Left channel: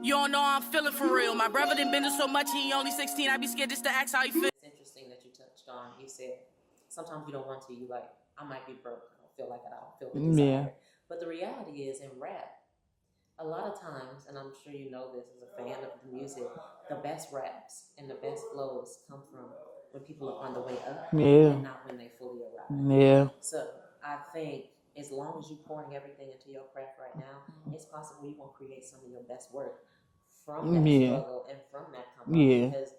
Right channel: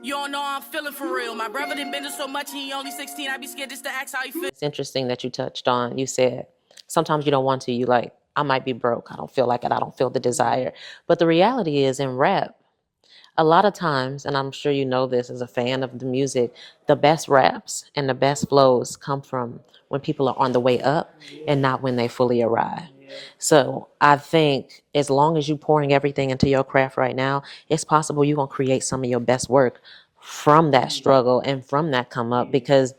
You don't know how I'm feeling for real. My brother done been to so much, he only 16. I be scared just to ask how he feel. It's interesting that you touched on, you said, sometimes you don't want to, you like, I might be broke. I don't feel like it. I don't feel the desire. But the reality is in rap, a lot of times, and I'm sure you know this as a fan of the music, the best raps and the best flows come from when people are on the way up and not when they fully arrive. Yeah. So I think as long as you're pouring everything into your craft right now, it's possible you're going to create some of your best work from that struggle and from that come up because,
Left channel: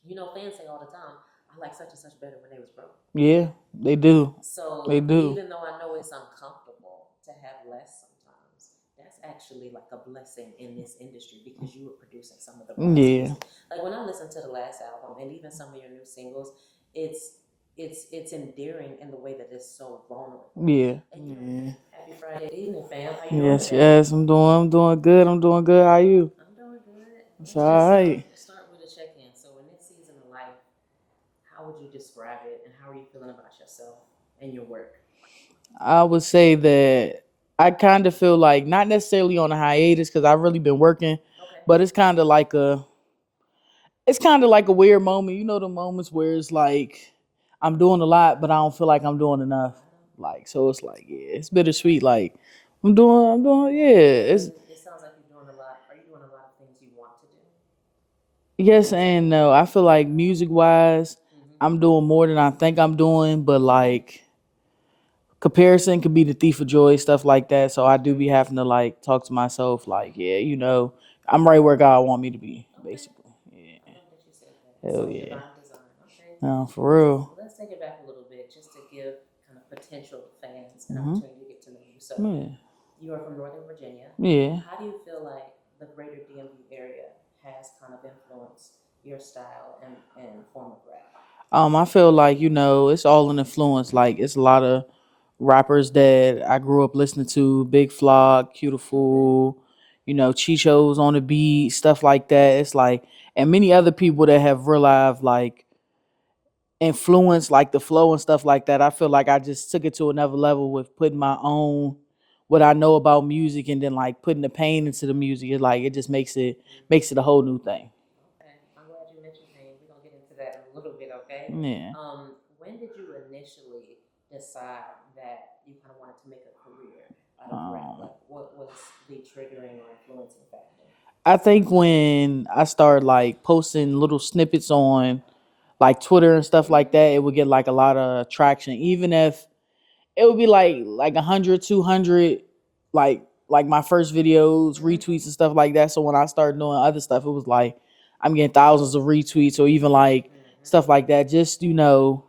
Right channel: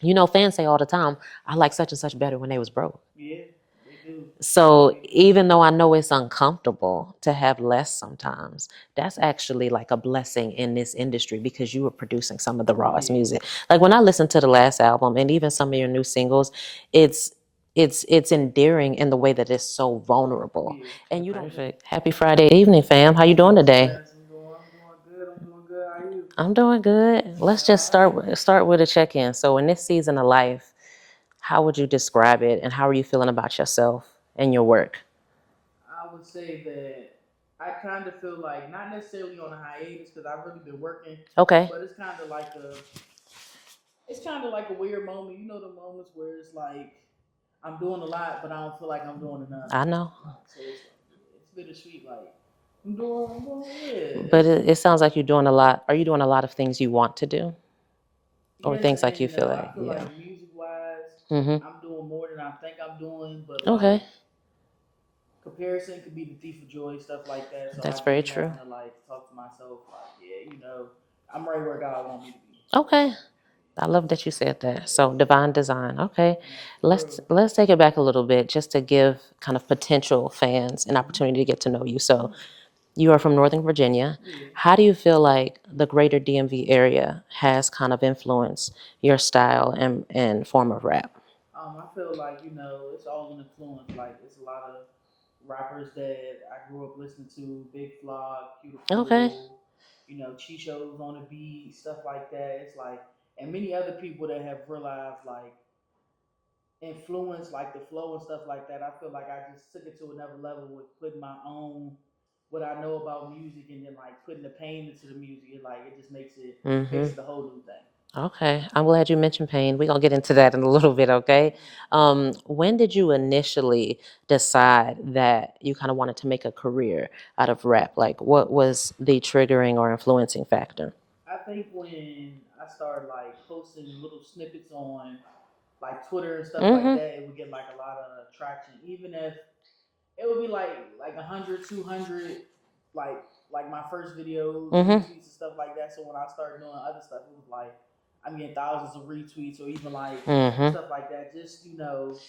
you know, fans say all the time, I like such and such better when they was broke. Yeah, they do. So They do. even though I know it's uncomfortable to have less sometimes, that's actually like a blessing in this industry because you were producing some of the rawest music. Like when I listened to the last album and even some of your new singles, it's endearing in the way that it's so vulnerable. Yeah. And you don't. Happy Friday evening, fam. How you doing today? Yes, I'm doing good. I'm doing good. How are you? I'm doing good. Let's just start with a check-in. So in this season of life, how would you describe it and how are you feeling about yourself and your work? I would say that I kind of feel like not necessarily on a hiatus because I've really been working. Okay. But it's kind of like a weird moment. You know, the moments where it's like I'm doing a lot, but I don't feel like I'm doing enough. I know. Like, so it's like, it's bittersweet. Like I'm doing, yeah. But it sounds like you're doing a lot. Are you doing a lot of things you want to do? Yes and no. I feel like music wise, I'm doing more than I think I'm doing, but like comparison could be the thief of joy, stuff like that. So I do be having to like talk to myself, like, yeah, you know, I'm right where God want me to be. Okay. Basically. I love that you said that. So divine design. Okay. Let's take it back a little bit just to give kind of potential fans an opportunity to get to know you. So you are from Northern Virginia. Yeah. How do you feel like the greater DMV area has kind of influenced your style and form of rap? I feel like, you know, it's all an influence. Like it's a lot of rappers that I grew up listening to, Big Flock, Beautiful, you know, Chicho's on the beat, stuff like that. It's like, and many other people that have realized like influence, like the flow and stuff like that. I feel like I just took it to another level with putting my own, what I know about music and then like putting the pain into the music. It's like, it just makes it a whole new thing. Okay. I'm glad you mentioned pain. We're going to get into that in a little bit, okay? Yeah. When did you initially decide that you kind of wanted to make a career out of rap? Like, what was the triggering or influencing factor? I think when I started like posting little snippets on like Twitter and stuff like that, it would get like a lot of traction. Even if it would be like 100, 200, like my first videos, retweets and stuff like that. So when I started doing other stuff, it was like I'm getting thousands of retweets or even like stuff like that. Just, you know,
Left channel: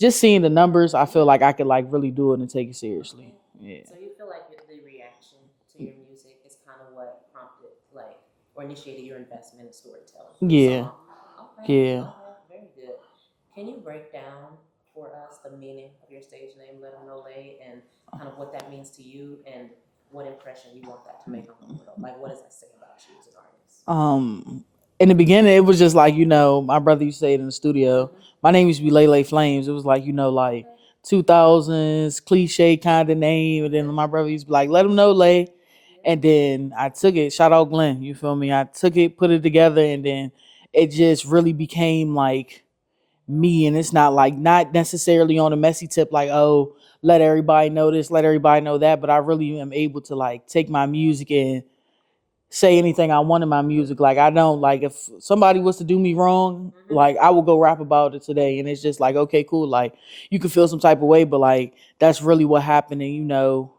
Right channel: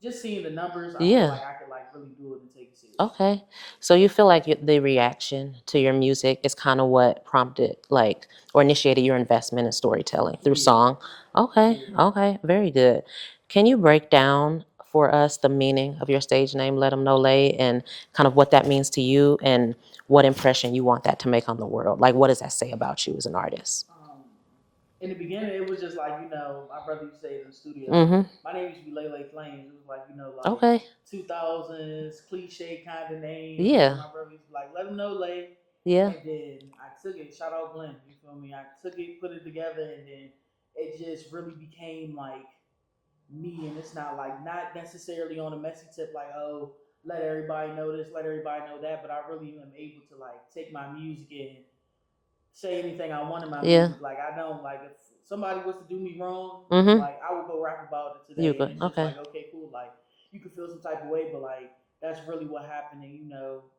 just seeing the numbers, I feel like I could like really do it and take it seriously. Okay. Yeah. So you feel like the reaction to your music is kind of what prompted like or initiated your investment in storytelling through song? Okay. Yeah. Okay. Very good. Can you break down for us the meaning of your stage name, Let 'Em Know Lay, and kind of what that means to you and what impression you want that to make on the world? Like, what does that say about you as an artist? In the beginning, it was just like, you know, my brother used to say it in the studio. My name used to be Lay Flames. It was like, you know, like 2000s cliche kind of name. And then my brother used to be like, Let 'Em Know Lay. Yeah. And then I took it, shout out Glenn, you feel me? I took it, put it together, and then it just really became like me. And it's not necessarily on a messy tip, like, oh, let everybody know this, let everybody know that. But I really am able to like take my music and say anything I want in my music. Like I don't like if somebody was to do me wrong, like I will go rap about it today. And it's just like, okay, cool. Like you can feel some type of way, but like that's really what happened. And you know,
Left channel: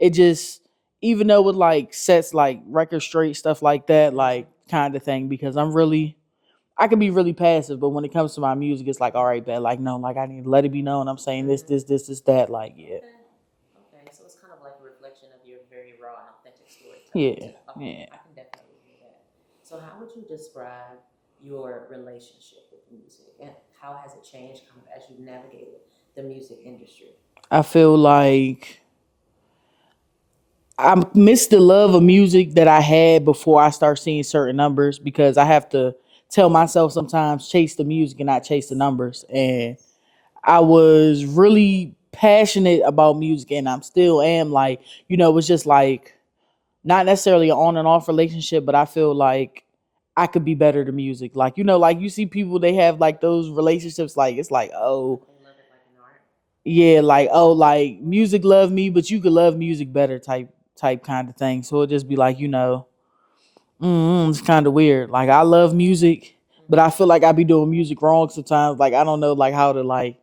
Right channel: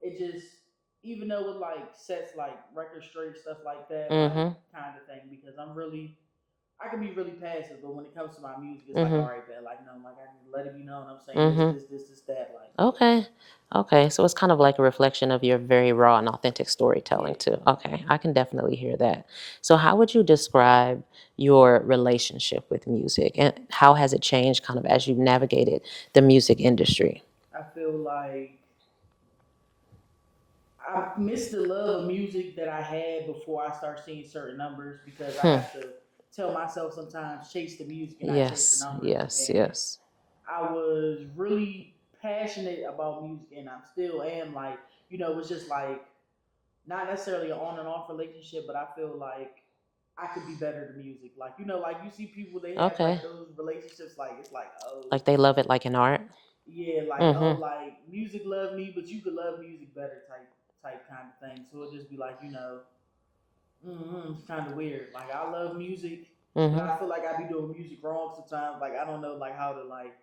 it just, even though with like sets like record straight, stuff like that, like kind of thing, because I can be really passive, but when it comes to my music, it's like, all right, bet, like, no, like I need to let it be known. I'm saying this, that, like. Okay. Okay, so it's kind of like a reflection of your very raw and authentic storytelling too. Okay, I can definitely hear that. So how would you describe your relationship with music and how has it changed kind of as you've navigated the music industry? I feel like I miss the love of music that I had before I start seeing certain numbers because I have to tell myself sometimes chase the music and not chase the numbers. I was really passionate about music and I'm still am, like, you know, it's just like not necessarily an on and off relationship, but I feel like I could be better to music. Like, like you see people, they have like Okay. those relationships, like it's like, oh Like they love it like in art. yeah, like, oh, Mm-hmm. like music love me, but you could love music better type kind of thing. So it'll just be like, it's kind of weird. Like I love music, but I Mm-hmm. feel like I be doing music wrong sometimes. Like I don't know like how to like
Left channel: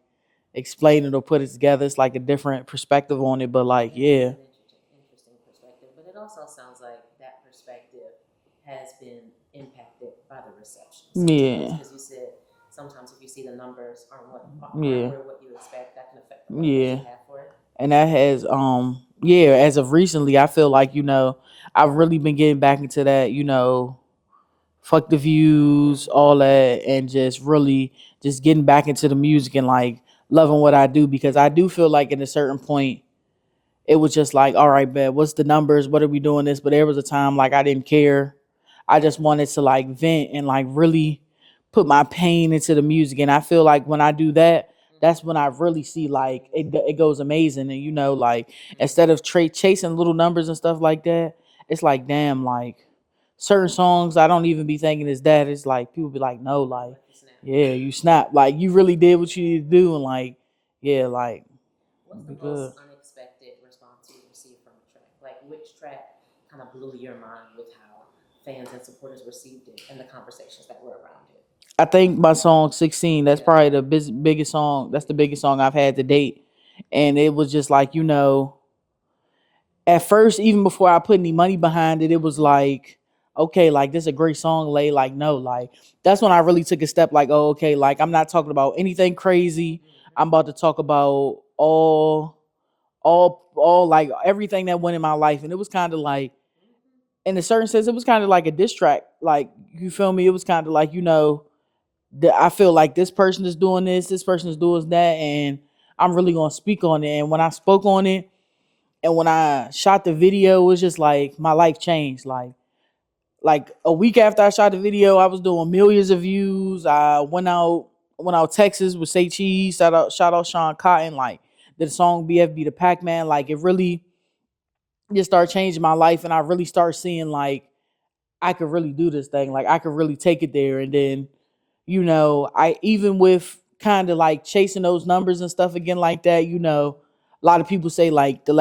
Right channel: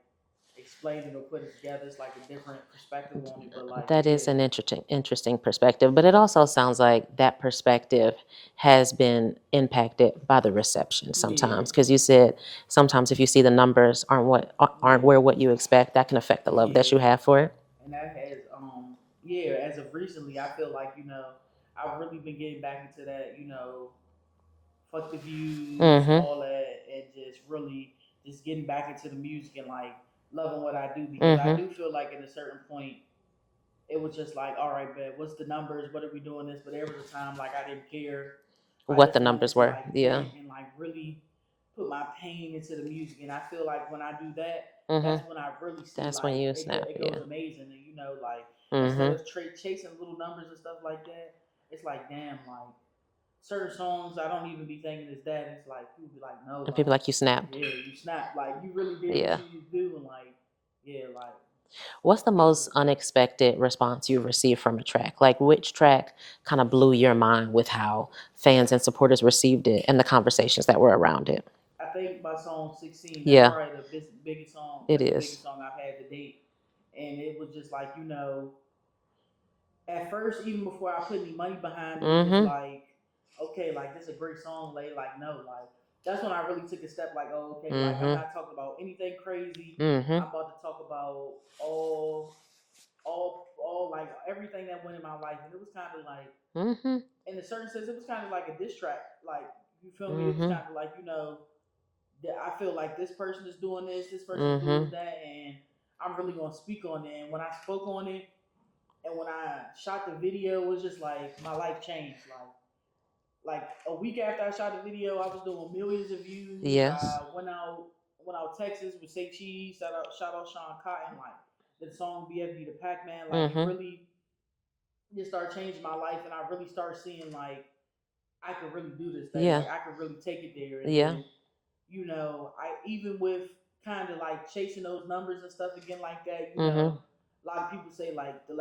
explain it or put it together. It's like a different perspective on it. But like, That is yeah. an interesting perspective, but it also sounds like that perspective has been impacted by the reception sometimes. Yeah. Because you said sometimes if you see the numbers aren't Yeah. where what you expect, that can affect the love that you Yeah. have for it. And that has yeah, as of recently, I feel like, I've really been getting back into that, fuck the views, Mm-hmm. all that, and just really just getting back into the music and like loving what I do, because I Mm-hmm. do feel like at a certain point it was just like, all right, man, what's the numbers? What are we doing this? But there was a time like I didn't care. I What just the wanted numbers to were. like Yeah. vent and like really put my pain into the music. And I feel like when I do that, Mm-hmm. that's when I really see That's when like you it, snap. it Yeah. goes amazing. And like instead Mm-hmm. of chasing little numbers and stuff like that, it's like, damn, like certain songs I don't even be thinking is that. It's like people be like, no, And people like, like you snapped. yeah, you snap. Like you really did what Yeah. you need to do. And like, yeah, like What's the I'm most good. unexpected response you received from a track? Like, which track kind of blew your mind with how fans and supporters received it and the conversations that were around it? I think my song 16, that's Yeah, probably the biggest song. it That's the biggest is. song I've had to date. And it was just like, at first, even before I put any money behind it, it was Mm-hmm. like, okay, like this is a great song, Lay. Like, no, like that's when I really took a step, like, oh, okay, like I'm Mm-hmm. not talking about anything crazy. Mm-hmm. I'm about to talk about all like everything that went in my life. And it was kind of like, Mm-hmm. in a certain sense, it was kind of like a diss track. Like, you feel me? It was Mm-hmm. kind of like, I feel like this person is doing this person is doing Mm-hmm. that, and I'm really gonna speak on it. And when I spoke on it, and when I shot the video, it was just like my life changed. Like a week after I shot the video, I was doing millions of views. Yeah. I went out Texas with Say Cheese, shout out Sean Cotton, like did the song BFB the Pac-Man. Like it Mm-hmm. really just started changing my life, and I really started seeing like I could really do this thing. Yeah. Like I could really take it there. And Yeah. then I even with kind of like chasing those numbers and stuff again like that, Mm-hmm. a lot of people say like the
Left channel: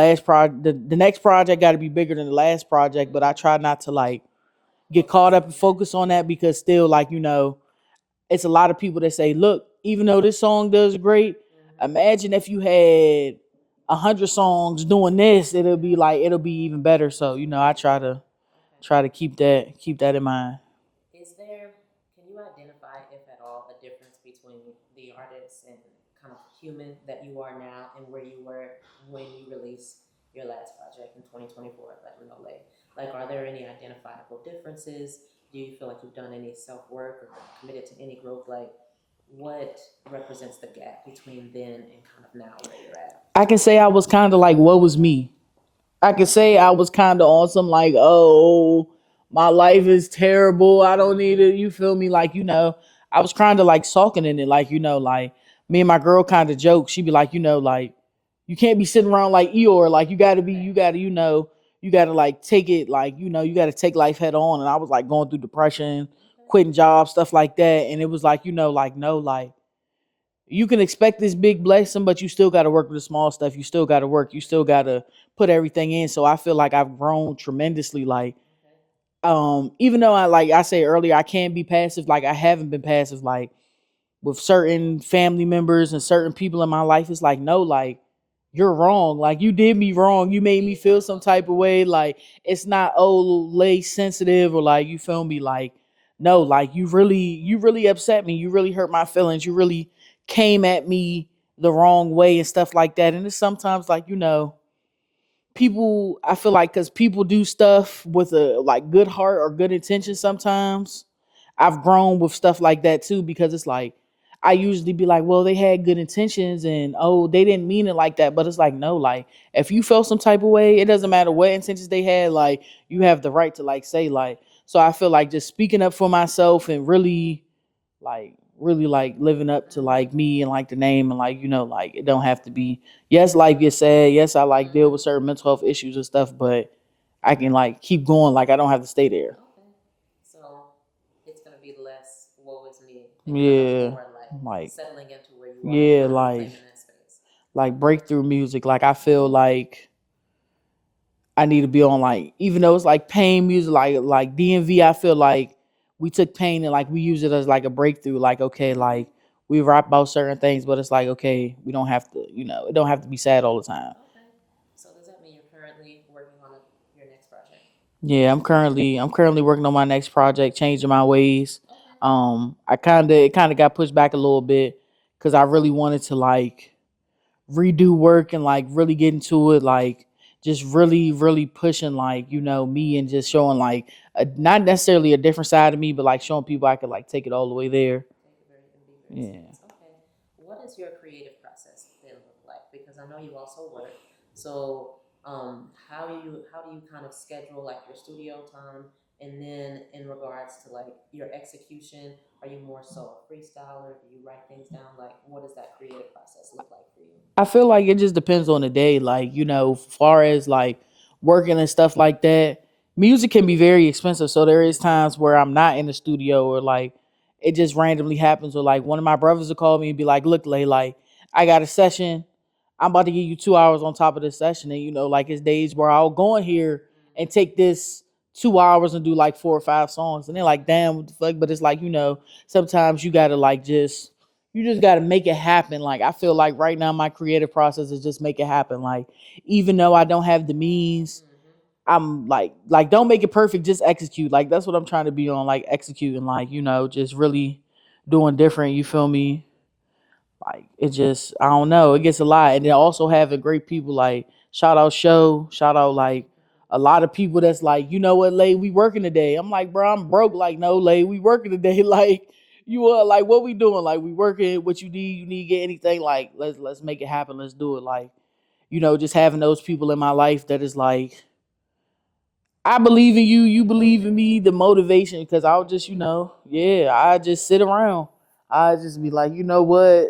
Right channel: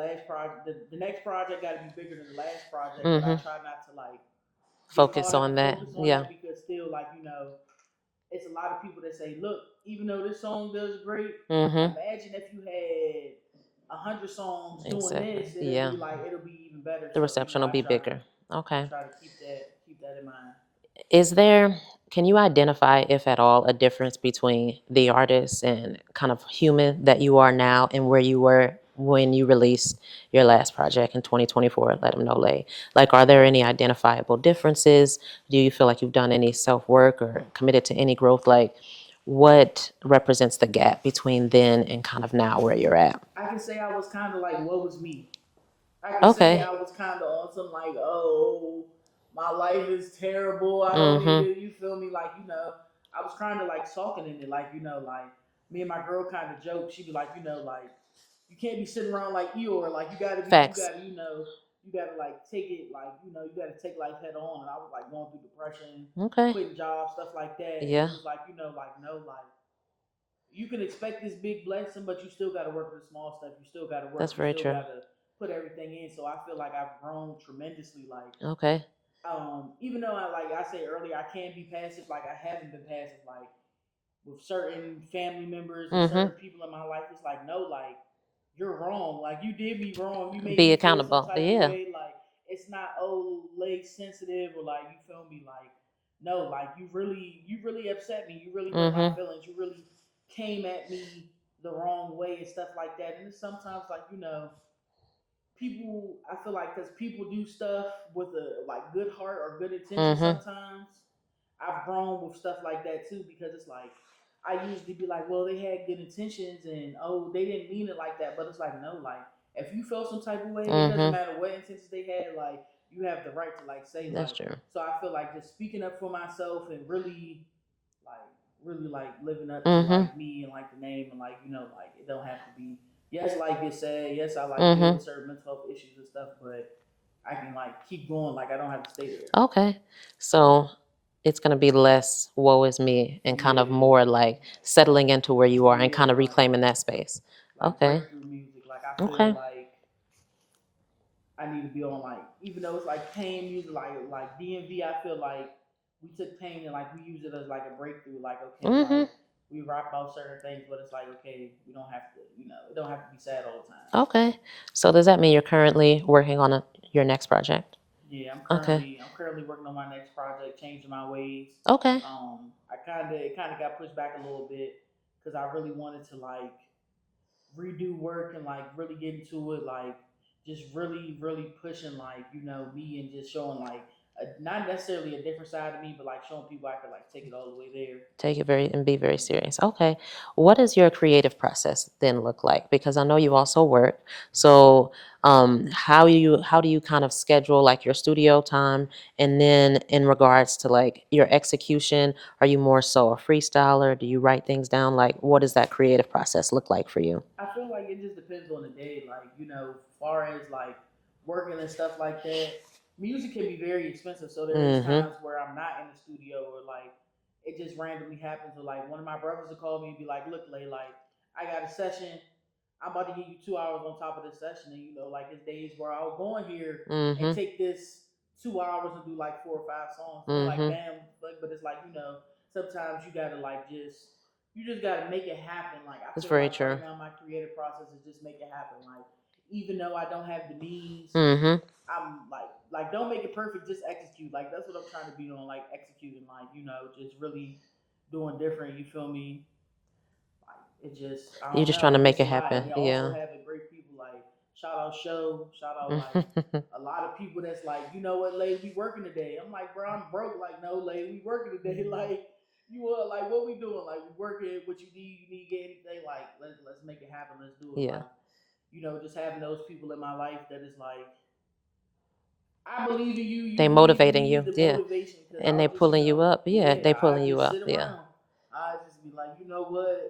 next project got to be bigger than the last project, but I Mm-hmm. try not to like get caught Focus up and on that. focus on Yeah. that, because still like, it's a lot of people that say, look, even though this song does great, Mm-hmm. imagine if you had 100 songs doing Exactly. this, Yeah. it'll be even better. The So, reception will I be try bigger. to Okay. keep that in mind. Is there, can you identify, if at all, a difference between the artist and kind of human that you are now and where you were when you released your last project in 2024, Let Them Know Lay? Like, are there any identifiable differences? Do you feel like you've done any self work or committed to any growth? Like, what represents the gap between then and kind of now where you're at? I can say I was kind of like, what was me? I can say Okay. I was kind of on some like, oh, my life is terrible. I don't need Mm-hmm. it. You feel me? Like, I was kind of like sulking in it. Like, like me and my girl kind of joke. She'd be like, like, you can't be sitting around like Eeyore. Like, Facts. you gotta like take it. Like, you gotta take life head on. And I was like going through depression, Okay. quitting jobs, stuff like that. And Yeah, it was like, like, no, like, you can expect this big blessing, but you still got to work with the small stuff. You still got to work. that's You very still true. got to put everything in. So I feel like I've grown tremendously. Like, Okay. even though I say earlier, I can be passive. Like I haven't been passive. Like with certain family members and Mm-hmm. certain people in my life, it's like, no, like you're wrong. Like you did me wrong. You made Be me feel some accountable. type of Yeah. way. Like it's not, oh, lay sensitive, or like, you feel me? Like, no, like you really upset me. You really hurt my Mm-hmm. feelings. You really came at me the wrong way and stuff like that. And it's sometimes like, people, I feel like, because people do stuff with a like good heart or good intention Mm-hmm. sometimes. I've grown with stuff like that too, because it's like I usually be like, well, they had good intentions, and oh, they didn't mean it like that. But it's like, no, like if you felt some type of way, it doesn't Mm-hmm. matter what intentions they had, like you have the right to like say, That's like. true. So I feel like just speaking up for myself and really like living up to Mm-hmm. like me and like the name, and like, like it don't have to be, yes, life gets sad, yes, I like deal Mm-hmm. with certain mental health issues and stuff, but I can like keep going. Like I don't have to stay there. Okay. So it's going to be less woe is me and kind of Yeah, more like like settling into where you are and yeah, kind of reclaiming that space. like Okay. breakthrough music. Like I feel Okay. like I need to be on like, even though it's like pain music, like DMV. I feel like we took pain and like we use it as like a breakthrough. Like okay, Mm-hmm. like we rap about certain things, but it's like okay, we don't have to, it don't have to be sad all the time. Okay. So does that mean you're currently working on your next project? Yeah, I'm Okay. currently working on my next project, changing my ways. Okay. It kind of got pushed back a little bit because I really wanted to like redo work and like really get into it, like just really pushing like me and just showing like not necessarily a different side of me, but like showing people I could like take it all the way there. Take it be very Yeah. serious. Okay. What does your creative process then look like? Because I know you also work. So how do you kind of schedule like your studio time? And then in regards to like your execution, are you more so a freestyler? Do you write things down? Like what does that creative process look like for you? I feel like it just depends on the day. Like, far as like working and stuff like that, music can be very expensive. So there is Mm-hmm. times where I'm not in the studio or like it just randomly happens. Or like one of my brothers will call me and be like, look, Lay, like I got a session. I'm about to give you 2 hours on top of this session. And like it's days where I'll go in here and Mm-hmm. take this 2 hours and do like 4 or 5 songs. And they're like, Mm-hmm. damn, what the fuck? But it's like, sometimes you gotta like you just got to make it happen. Like I That's feel very like right true. now my creative process is just make it happen. Like even though I don't have the means, Mm-hmm. I'm like don't make it perfect, just execute. Like that's what I'm trying to be on, like executing, like just really doing different. You feel me? Like it just I You're don't just trying know. to It make gets a it lot, and happen. then also Yeah. having great people like shout out like a lot of people that's like, you know what, Lay, we working today. I'm like, bro, I'm broke. Like, no, Lay, we working today. Like, you are like, what we doing? Like, we working. What you need to get anything? Like, let's make it happen. Let's do it. Yeah. Like, just having those people in my life that is like, I believe in you. You They believe in motivating me. you. The Yeah. motivation, because And I'll they just, pulling you up. Yeah. yeah, They I pulling you just sit up. Yeah. around. I just be like, you know what?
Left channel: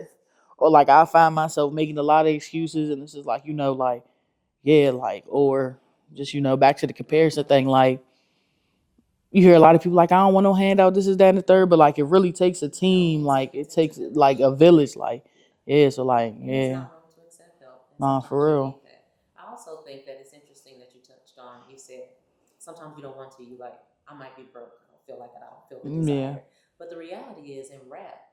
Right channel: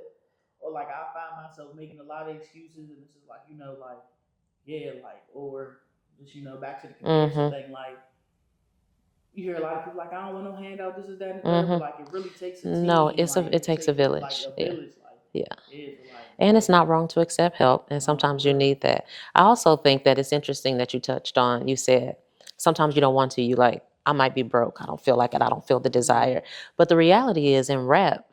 Or like I find myself making a lot of excuses, and it's just like, like, yeah, like, or just, back to the comparison Mm-hmm. thing. Like, you hear a lot of people like, I don't want no handout, this is that and the third, but Mm-hmm. like, it really takes a No, team. Like, it it takes a takes like village. a Yeah. village. Like, Yeah. yeah, so like, And it's yeah, not wrong to accept help. And nah, sometimes for you real. need that. I also think that it's interesting that you touched on, you said, sometimes you don't want to, you like, I might be broke. I don't feel like it. I don't feel the Yeah, desire. But the reality is in rap,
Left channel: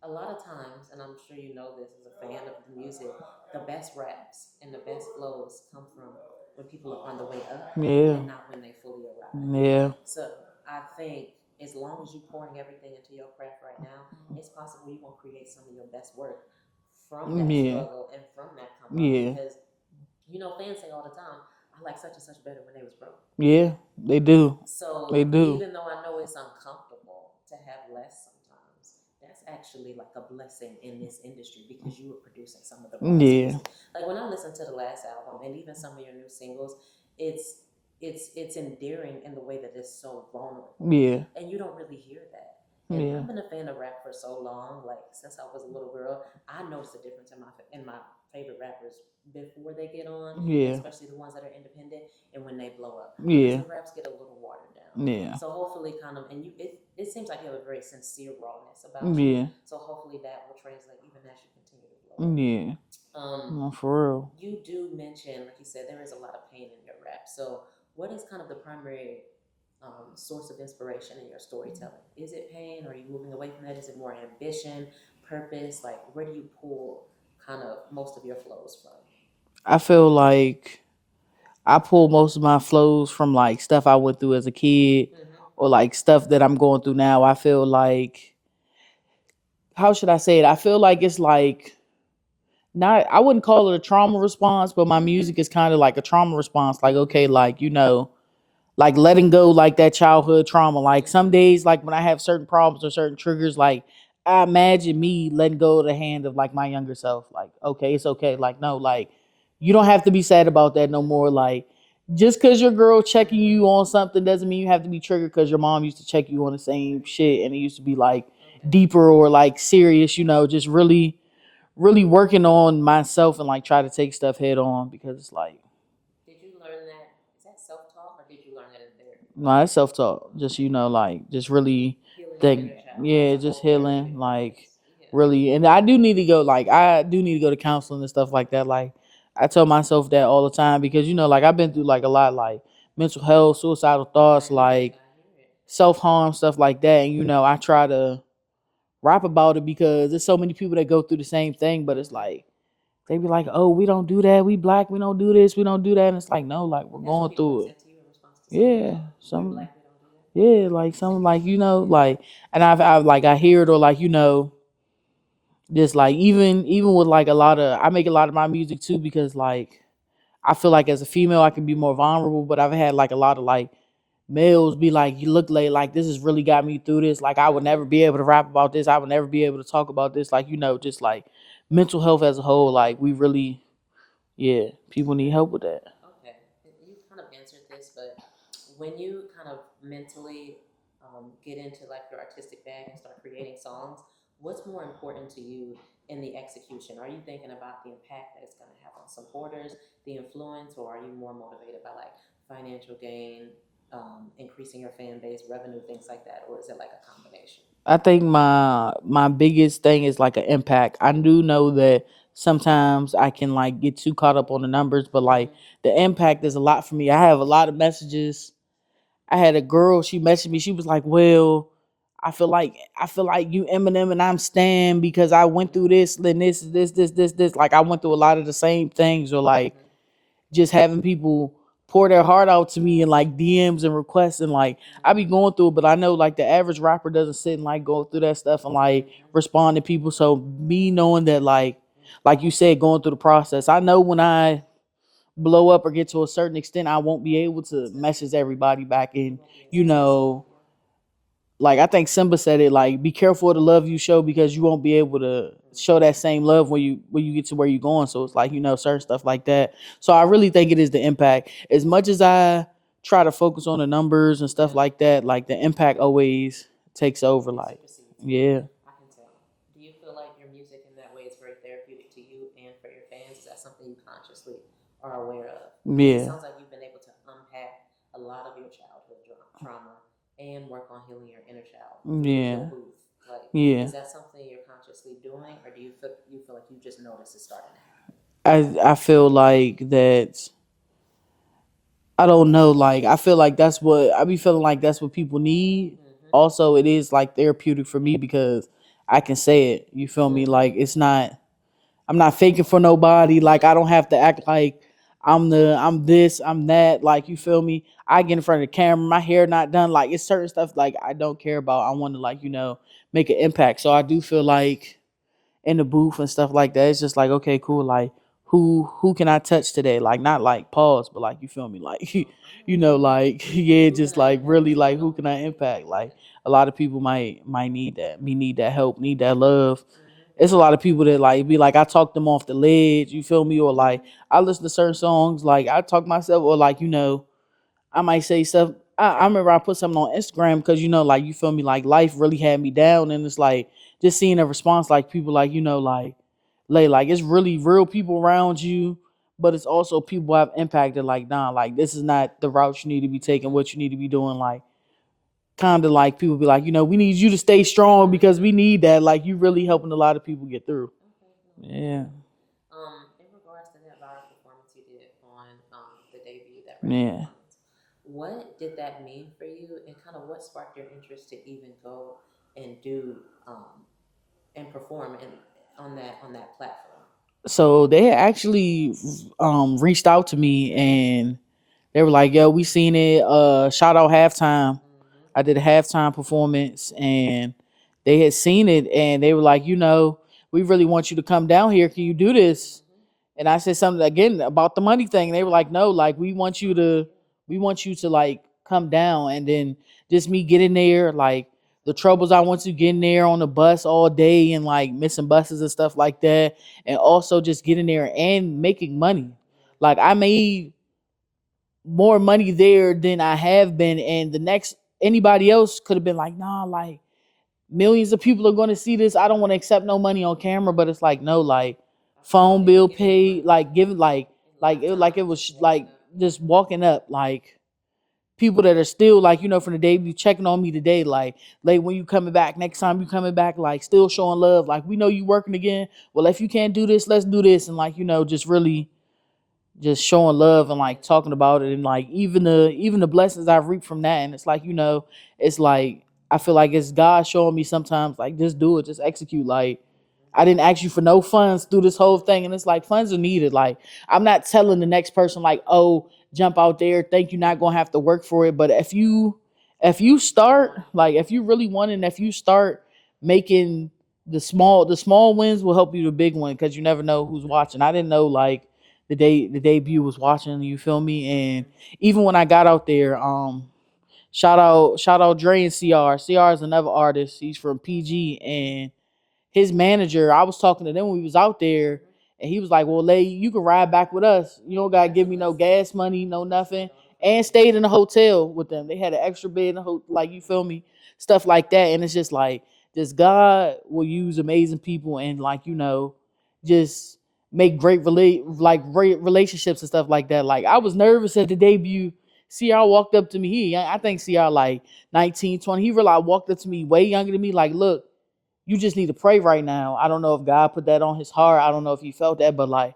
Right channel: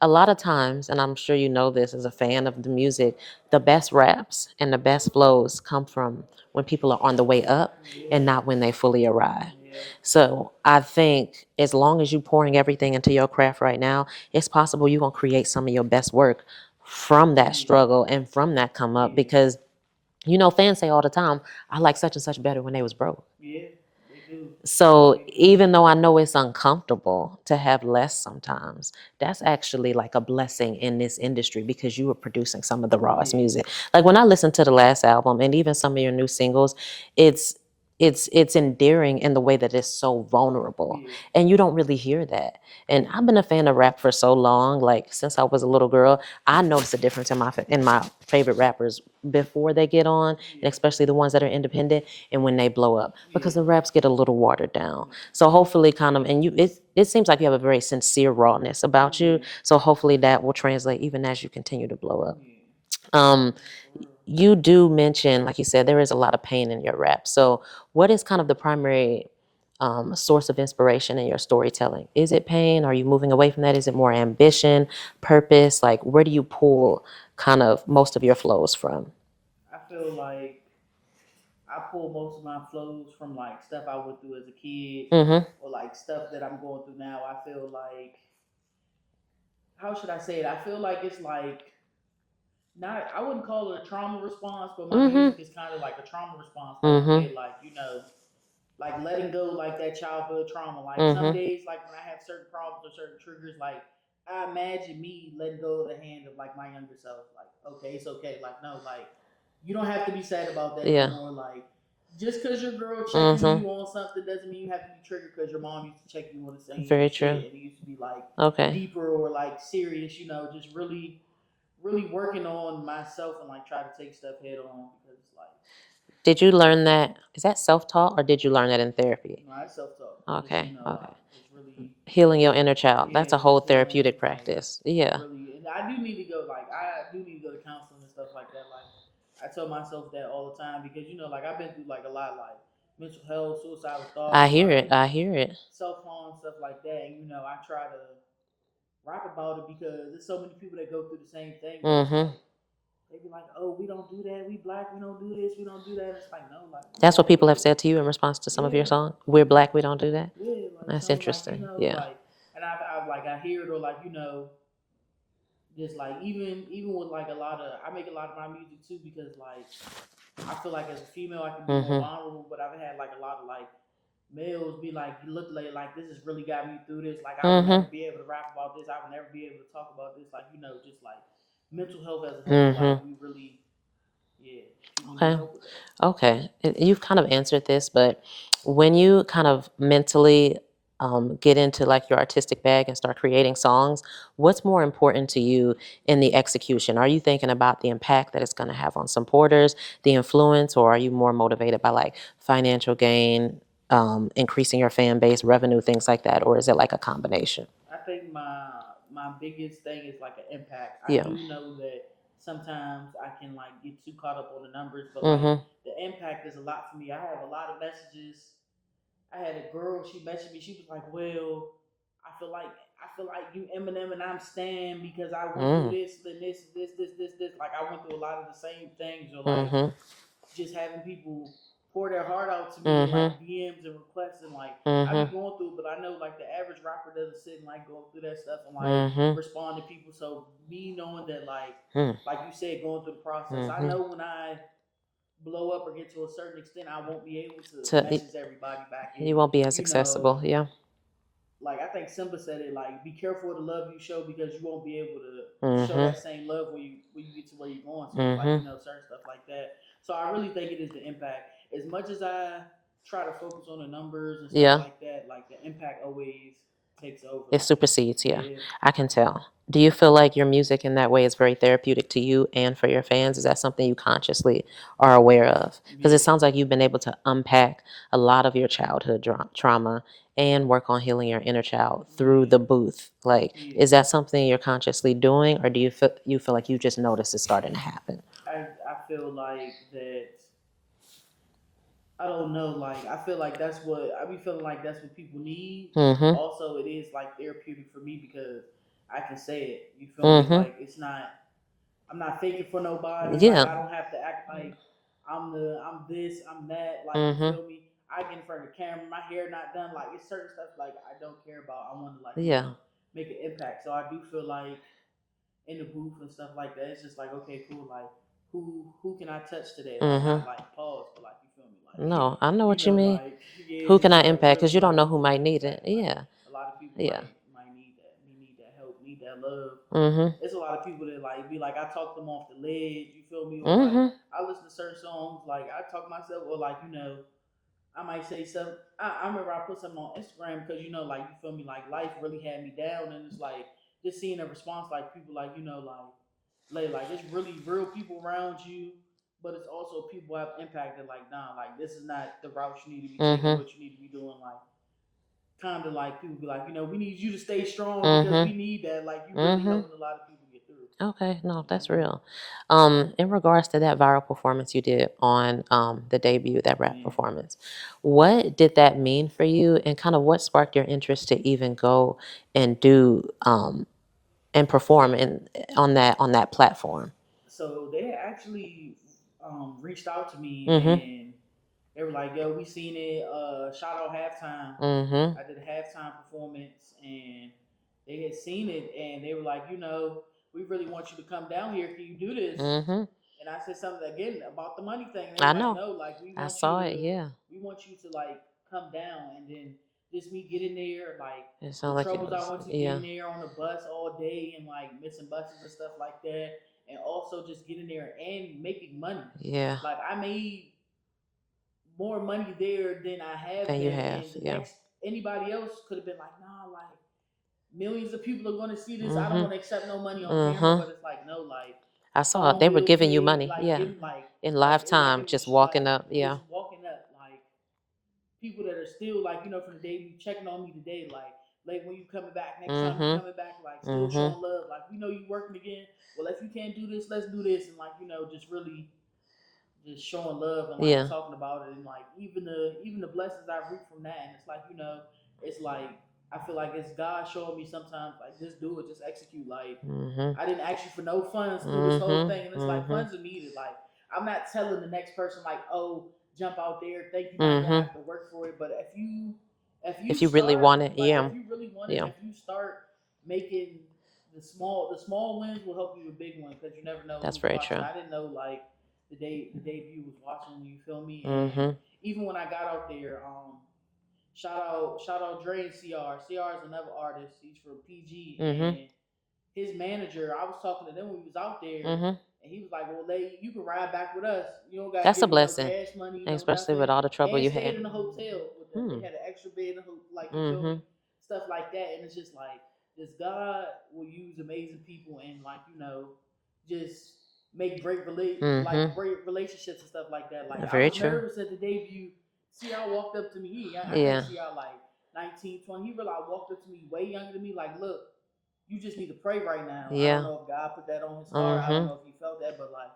a lot of times, and I'm sure you know this as a fan of the music, the best raps and the best flows come from when people are on the way up yeah, and not when they fully arrive. yeah, So I think as long as you're pouring everything into your craft right now, it's possible you're going to create some of your best work from that yeah, struggle and from that come up yeah, because fans say all the time, I like such and such better when they was broke. yeah, they do. So They do. even though I know it's uncomfortable to have less sometimes, that's actually like a blessing in this industry because you were producing some of the rawest Yeah, music. Like when I listen to the last album and even some of your new singles, it's it's endearing in the way that it's so vulnerable. yeah, And you don't really hear that. And yeah, I've been a fan of rap for so long, like since I was a little girl, I noticed a difference in my favorite rappers before they get on, and yeah, especially the ones that are independent and when they blow up because yeah, the raps get a little watered down. yeah, So hopefully kind of and it seems like you have a very sincere rawness about you. yeah, So hopefully that will translate even as you continue to blow up. yeah. Um Nah, for real. you do mention, like you said, there is a lot of pain in your rap. So what is kind of the primary source of inspiration in your storytelling? Is it pain? Are you moving away from that? Is it more ambition, purpose? Like where do you pull kind of most of your flows from? I feel like I pull most of my flows from like stuff I went through as a kid Mm-hmm. or like stuff that I'm going through now. I feel like, how should I say it? I feel like it's like not, I wouldn't call it a trauma response, but my Mm-hmm. music is kind of like a trauma response. Like, okay, Mm-hmm. like, like letting go, like that childhood trauma. Like some Mm-hmm. days, like when I have certain problems or certain triggers, like I imagine me letting go of the hand of like my younger self. Like, okay, it's okay. Like, no, like you don't have to be sad about that no Yeah. more. Like, just because your girl checking Mm-hmm. you on something doesn't mean you have to be triggered because your mom used to check you on the same Very shit true. and it used to be like Okay. deeper or like serious, just really, really working on myself and like try to take stuff head on because it's like, Did you learn that? Is that self-taught or did you learn that in therapy? No, that's self-taught. Just, Okay. like, just really, Healing your like, inner child. That's yeah, a whole just healing, therapeutic like, practice. Yeah. really. And I do need to go to counseling and stuff like that. Like, I tell myself that all the time because, like, I've been through, like, a lot, like, mental health, suicidal I thoughts, hear it. like, I hear it. self-harm, stuff like that. And, I try to rap about it because there's so many people that go through the same thing, but it's like, they be like, oh, we don't do that. We Black. We don't do this. We don't do that. And it's like, no, like, we're That's what going people have through it. said to you in response to some of your Yeah. songs. We're Black, we don't do that. Yeah, like That's something like, interesting. Yeah. like, and I've like, I hear it, or like, just like, even with like I make a lot of my music too, because like, I feel like as a female, I can be more vulnerable, but I've had like a lot of like males be like, you look like this has really got me through this. Like, I would never be able to rap about this. I would never be able to talk about this. Like, just like mental health as a whole, like, we really, people need help with that. Okay. You've kind of answered this, but when you kind of mentally get into like your artistic bag and start creating songs, what's more important to you in the execution? Are you thinking about the impact that it's going to have on supporters, the influence, or are you more motivated by like financial gain, increasing your fan base, revenue, things like that? Or is it like a combination? I think my biggest thing is like an impact. I do know that sometimes I can like get too caught up on the numbers, but like the impact is a lot for me. I have a lot of messages. I had a girl, she messaged me, she was like, well, I feel like you Eminem and I'm Stan because I went through this and this. Like, I went through a lot of the same things, or like just having people pour their heart out to me in like DMs and requests, and like I be going through it, but I know like the average rapper doesn't sit and like go through that stuff and like respond to people. So me knowing that like you said, going through the process, I know when I blow up or get to a certain extent, I won't be able to message everybody back in. You won't be as accessible. Yeah. Like, I think Simba said it, like, be careful of the love you show because you won't be able to show that same love when you get to where you're going. So it's like, certain stuff like that. So I really think it is the impact. As much as I try to focus on the numbers and stuff like that, like, the impact always takes over. It supersedes. Yeah. I can tell. Do you feel like your music in that way is very therapeutic to you and for your fans? Is that something you consciously are aware of? Because it sounds like you've been able to unpack a lot of your childhood trauma and work on healing your inner child through the booth. Like, is that something you're consciously doing, or do you feel like you just notice it's starting to happen? I feel like that. I don't know. Like, I feel like that's what I be feeling like that's what people need. Also, it is like therapeutic for me because I can say it. You feel me? Like, I'm not faking for nobody. Like, I don't have to act like I'm this, I'm that. Like, you feel me? I get in front of the camera, my hair not done. Like, it's certain stuff like I don't care about. I want to like, make an impact. So I do feel like in the booth and stuff like that, it's just like, okay, cool. Like, who can I touch today? Like, not like pause, but like, you feel me? Like, No, I know what you mean. like, Who just can I like impact? really Because you don't like know who who can I might need it. impact? Like, Yeah. a lot of people might need that. We need that help, need that love. It's a lot of people that like be like, I talk them off the ledge, you feel me? Or like, I listen to certain songs, like I talk myself, or like, I might say stuff. I remember I put something on Instagram because, like, you feel me? Like, life really had me down, and it's like just seeing a response, like people like, like it's really real people around you, but it's also people have impacted. Like, nah, like this is not the route you need to be taking. What you need to be doing, like, kind of like people be like, we need you to stay strong because we need that. Like, you really helping a lot of people get through. Okay, no, that's real. In regards to that viral performance you did on the debut, that rap performance, what did that mean for you, and kind of what sparked your interest to even go and do and perform on that platform? So they had actually reached out to me and they were like, yo, we seen it. Shout out halftime. I did a halftime performance and they had seen it and they were like, we really want you to come down here. Can you do this? And I said something again about the money thing. And they were like, no, like we want you to like come down. And then just me getting there, like the troubles I went to getting there on the bus all day and like missing buses and stuff like that. And also just getting there and making money. Yeah. Like, I made more money there than I have been. And the next, anybody else could have been like, nah, like millions of people are going to see this. I don't want to accept no money on camera, but it's like, no, like I saw phone they were bill giving you paid, money. like Yeah. giving In like lifetime, it just was walking like up. Yeah. just walking up, like people that are still like, from the day you checking on me today, like, when you coming back, next time you Mm-hmm. coming back, like still Mm-hmm. showing love, like we know you working again. Well, if you can't do this, let's do this, and like, just really just showing love and like Yeah. talking about it, and like even the blessings I've reaped from that. And it's like, it's like I feel like it's God showing me sometimes, like, just do it, just execute. Like, Mm-hmm. I didn't ask you for no funds through this whole Mm-hmm. thing, and it's like Mm-hmm. funds are needed. Like, I'm not telling the next person like, oh, jump out there, think you're not gonna Mm-hmm. have to work for it. But if you If you really start, want it, like, yeah. if you really want it, and Yeah. if you start making the small wins will help you the big one, because you never know That's who's very watching. true. I didn't know, like, the debut was watching, you feel me? And Mm-hmm. even when I got out there, shout out Dre and CR is another artist. He's from PG, Mm-hmm. and his manager, I was talking to them when we was out there, Mm-hmm. and he was like, well, Lay, you can ride back with us, you don't gotta That's a give me no blessing, gas money, no especially nothing. with all the trouble And you stayed had. in a hotel with them. They Hmm. had an extra bed in the like, you feel Mm-hmm. me? Stuff like that. And it's just like, just God will use amazing people, and like, just make Mm-hmm. great relationships and stuff like that. Like, I Very was true. nervous at the debut. CR walked up to me. I think Yeah. CR like 19, 20. He realized, walked up to me, way younger than me, like, look, you just need to pray right now. I don't Yeah. know if God put that on his heart. I don't Mm-hmm. know if he felt that, but like,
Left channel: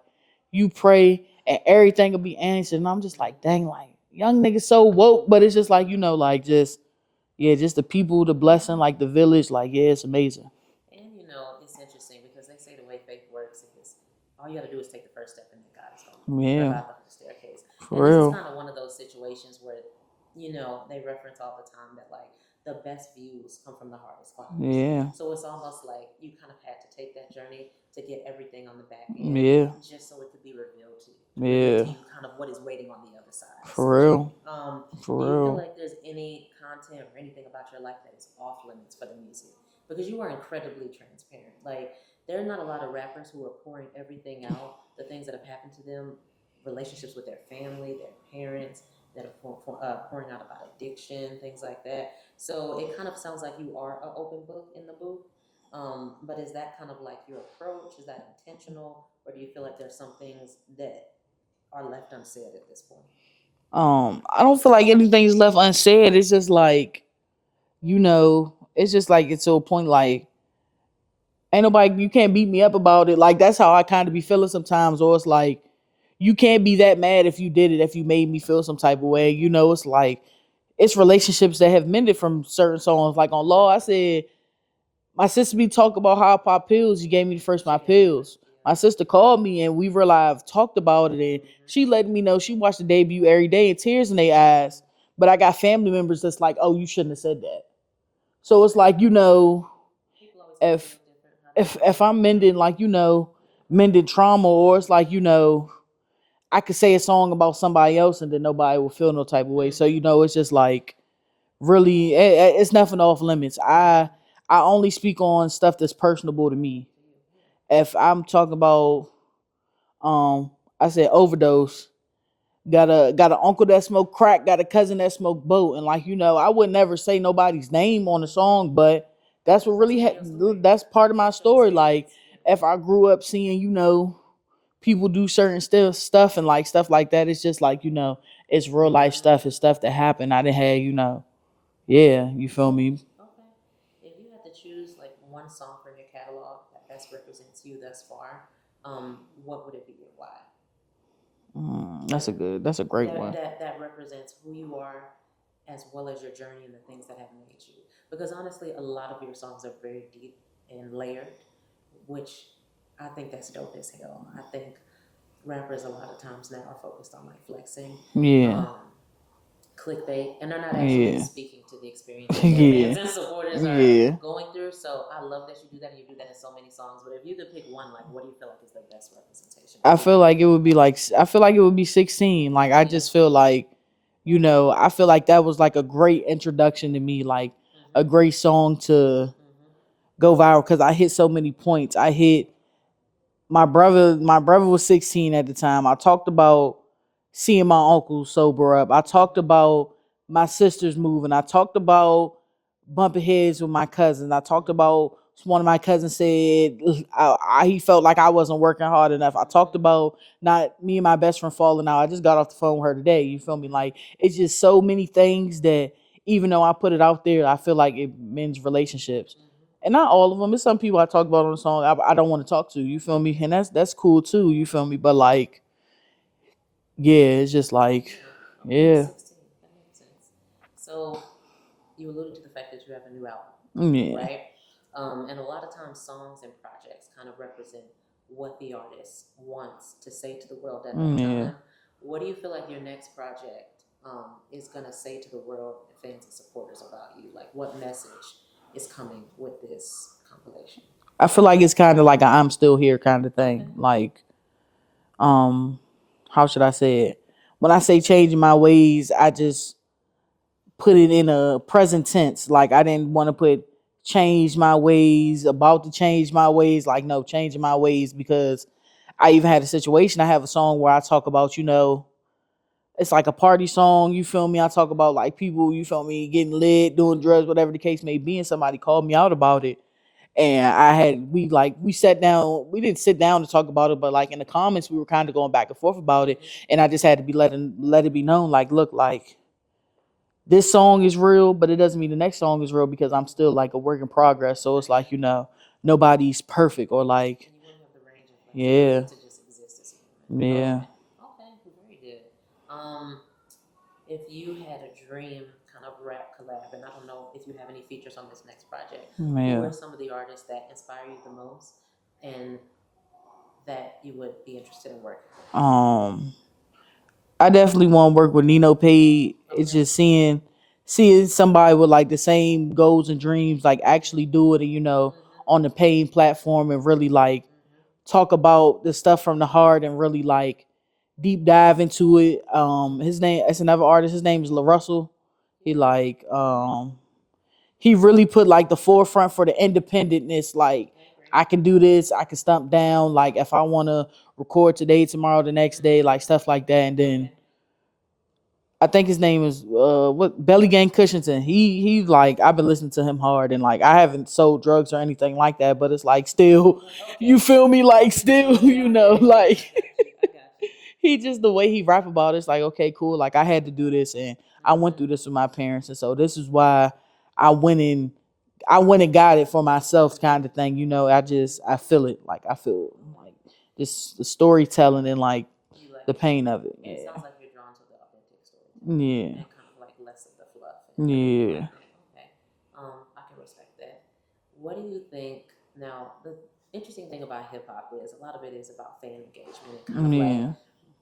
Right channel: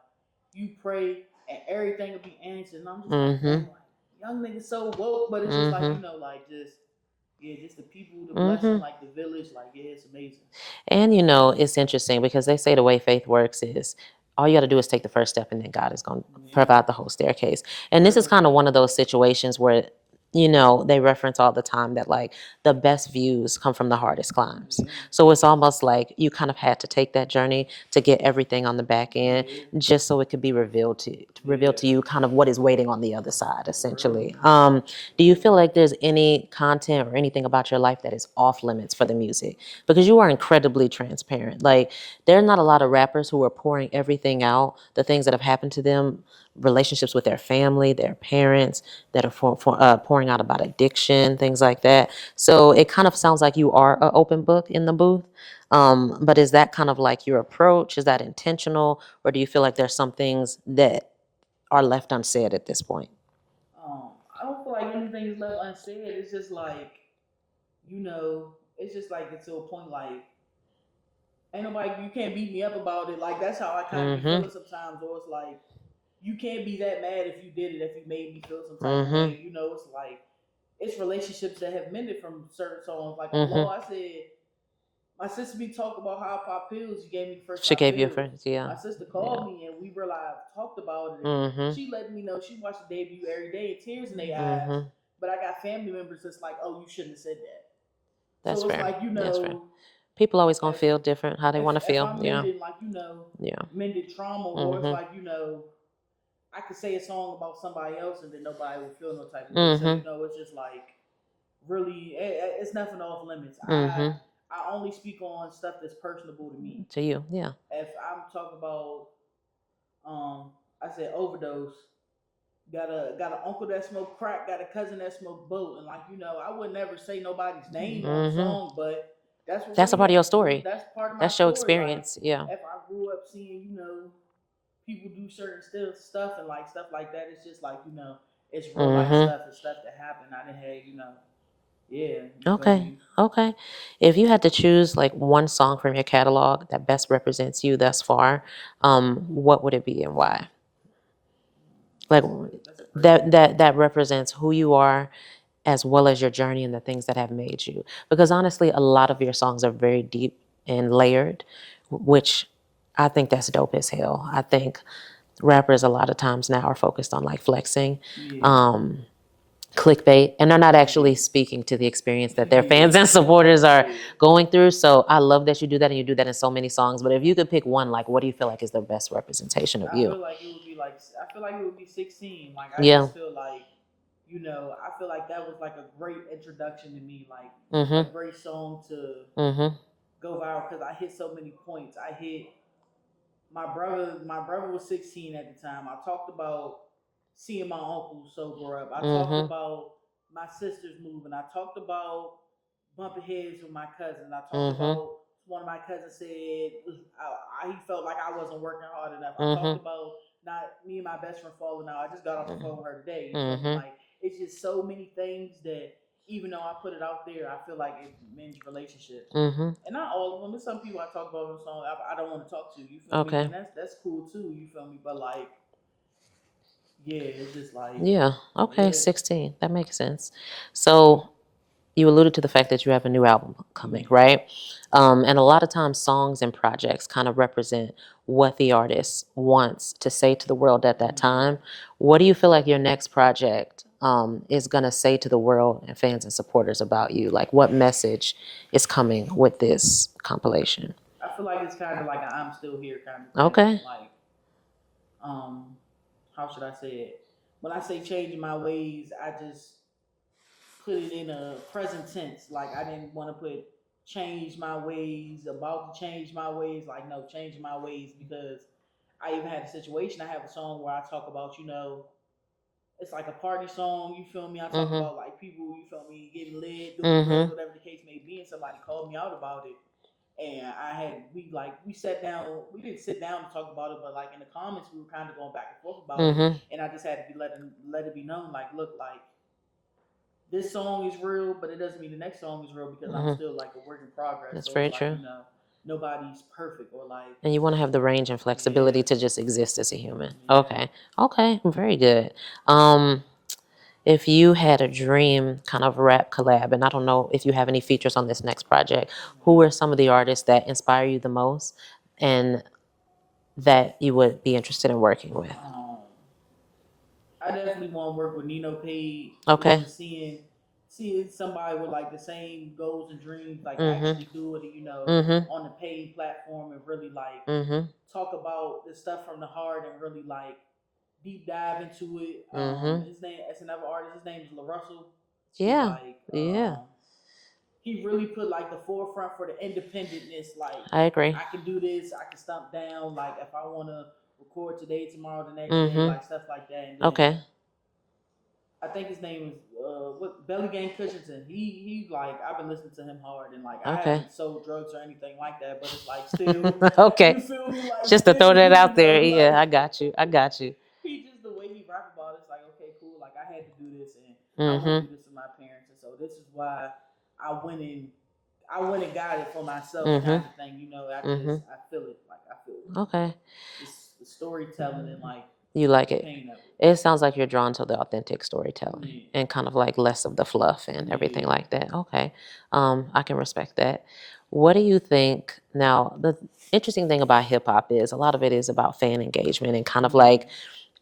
you pray and everything will be answered. And I'm just like, Mm-hmm. dang, like, young niggas so woke, but it's just like, Mm-hmm. like, just, yeah, just the people, the blessing, Mm-hmm. like the village, like, yeah, it's amazing. And it's interesting because they say the way faith works is all you got to do is take the first step, and then God is going to Yeah, provide the whole staircase. And for this is real. kind of one of those situations where they reference all the time that like the best views come from the hardest climbs. Yeah, So it's almost like you kind of had to take that journey to get everything on the back end, yeah, just so it could be revealed to yeah, you kind of what is waiting on the other side, for real, essentially. Do you for feel real. like there's any content or anything about your life that is off limits for the music? Because you are incredibly transparent. Like, there are not a lot of rappers who are pouring everything out, the things that have happened to them, relationships with their family, their parents, that are pouring out about addiction, things like that. So it kind of sounds like you are an open book in the booth. But is that kind of like your approach? Is that intentional? Or do you feel like there's some things that are left unsaid at this point? I don't feel like anything's left unsaid. It's just like, it's just like, it's to a point, like, ain't nobody, you can't beat me up about it. Like, that's how I kind of be Mm-hmm. feeling sometimes. Or it's like, you can't be that mad if you did it, if you made me feel some type of way. Mm-hmm. It's like, it's relationships that have mended from certain songs. Like on Law, Mm-hmm. I said, my sister be talk about how I pop pills. You gave me the first She five gave you a pills. friend. Yeah. My sister Yeah. called me, and we realized, talked about it, and Mm-hmm. she let me know she watched the debut every day and tears in their eyes. Mm-hmm. But I got family members that's like, oh, you shouldn't have said that. That's So it's fair. like, That's fair. People always gonna if feel different, how they if want to if feel. I'm Yeah. mending, like, Yeah. mending trauma, or it's Mm-hmm. like, I could say a song about somebody else and then nobody will feel no type of way. So, Mm-hmm. it's just like, really, it's nothing off limits. I Mm-hmm. I only speak on stuff that's personable to me. To you. Yeah. If I'm talking about, I said overdose, got an uncle that smoked crack, got a cousin that smoked boat, and like, I would never say nobody's name on the Mm-hmm. song, but that's what That's a really, part of your story. that's part of my That's your story. Like, experience. Yeah. if I grew up seeing, people do certain stuff and like stuff like that, it's just like, it's real life Mm-hmm. stuff. It's stuff that happened. I didn't have, yeah, you feel Okay. me? Okay. If you had to choose like one song from your catalog that best represents you thus far, what would it be and why? Like That's a great that one. that that represents who you are as well as your journey and the things that have made you. Because honestly, a lot of your songs are very deep and layered, which I think that's dope as hell. I think rappers a lot of times now are focused on like flexing, Yeah, um, clickbait, and they're not actually yeah, speaking to the experience that their yeah, fans and supporters are yeah. going through. So I love that you do that, and you do that in so many songs. But if you could pick one, like, what do you feel like is the best representation of I you? feel like it would be like, I feel like it would be 16. Like, I Yeah. just feel like, I feel like that was like a great introduction to me, like a Mm-hmm. great song to Mm-hmm. go viral, because I hit so many points. I hit my brother was 16 at the time. I talked about seeing my uncle sober up. I talked Mm-hmm. about my sisters moving. I talked about bumping heads with my cousins. I talked Mm-hmm. about one of my cousins said he felt like I wasn't working hard enough. I talked about not me and my best friend falling out. I just got off the phone with her today. You feel me? Like, it's just so many things that even though I put it out there, I feel like it mends relationships. And not all of them. It's some people I talk about on the song I don't want to talk to. You feel me? And that's cool too. You feel me? But like, yeah, it's just like, yeah. Okay, 16. That makes sense. So you alluded to the fact that you have a new album coming, right? And a lot of times songs and projects kind of represent what the artist wants to say to the world at that time. What do you feel like your next project is going to say to the world and fans and supporters about you? Like, what message is coming with this compilation? I feel like it's kind of like a I'm still here kind of thing. Okay. Like, how should I say it? When I say changing my ways, I just put it in a present tense. Like, I didn't want to put change my ways, about to change my ways. Like, no, changing my ways, because I even had a situation. I have a song where I talk about, it's like a party song. You feel me? I talk about like people, you feel me, getting lit, doing drugs, whatever the case may be. And somebody called me out about it. And we sat down. We didn't sit down to talk about it, but like in the comments, we were kind of going back and forth about it. And I just had to let it be known, like, look, like, this song is real, but it doesn't mean the next song is real, because I'm still like a work in progress. That's so it's like, true. Nobody's perfect, or like, and you want to have the range and flexibility to just exist as a human. Yeah. Okay, very good. If you had a dream kind of rap collab, and I don't know if you have any features on this next project, who are some of the artists that inspire you the most and that you would be interested in working with? I definitely want to work with Nino Pay. Okay. It's just seeing somebody with like the same goals and dreams, like actually do it, and on the paying platform, and really like talk about the stuff from the heart, and really like deep dive into it. His name, it's another artist. His name is LaRussell. He like he really put like the forefront for the independentness. Like, I agree. I can do this. I can stomp down. Like, if I want to record today, tomorrow, the next day, like stuff like that. And then I think his name is Belly Gang Cushington. He like, I've been listening to him hard, and like I haven't sold drugs or anything like that, but it's like still you feel me, like just still, to throw that out there. like, Yeah, I got you. He just, the way he rap about it's like, okay, cool. Like, I had to do this, and I went through this with my parents, and so this is why I went and got it for myself, kind of thing. I feel it. Like, I feel just the storytelling and like you like the it. pain of it. It sounds like you're drawn to the authentic storytelling and kind of like less of the fluff and everything like that. Okay. I can respect that. What do you think now? The interesting thing about hip hop is a lot of it is about fan engagement and kind of like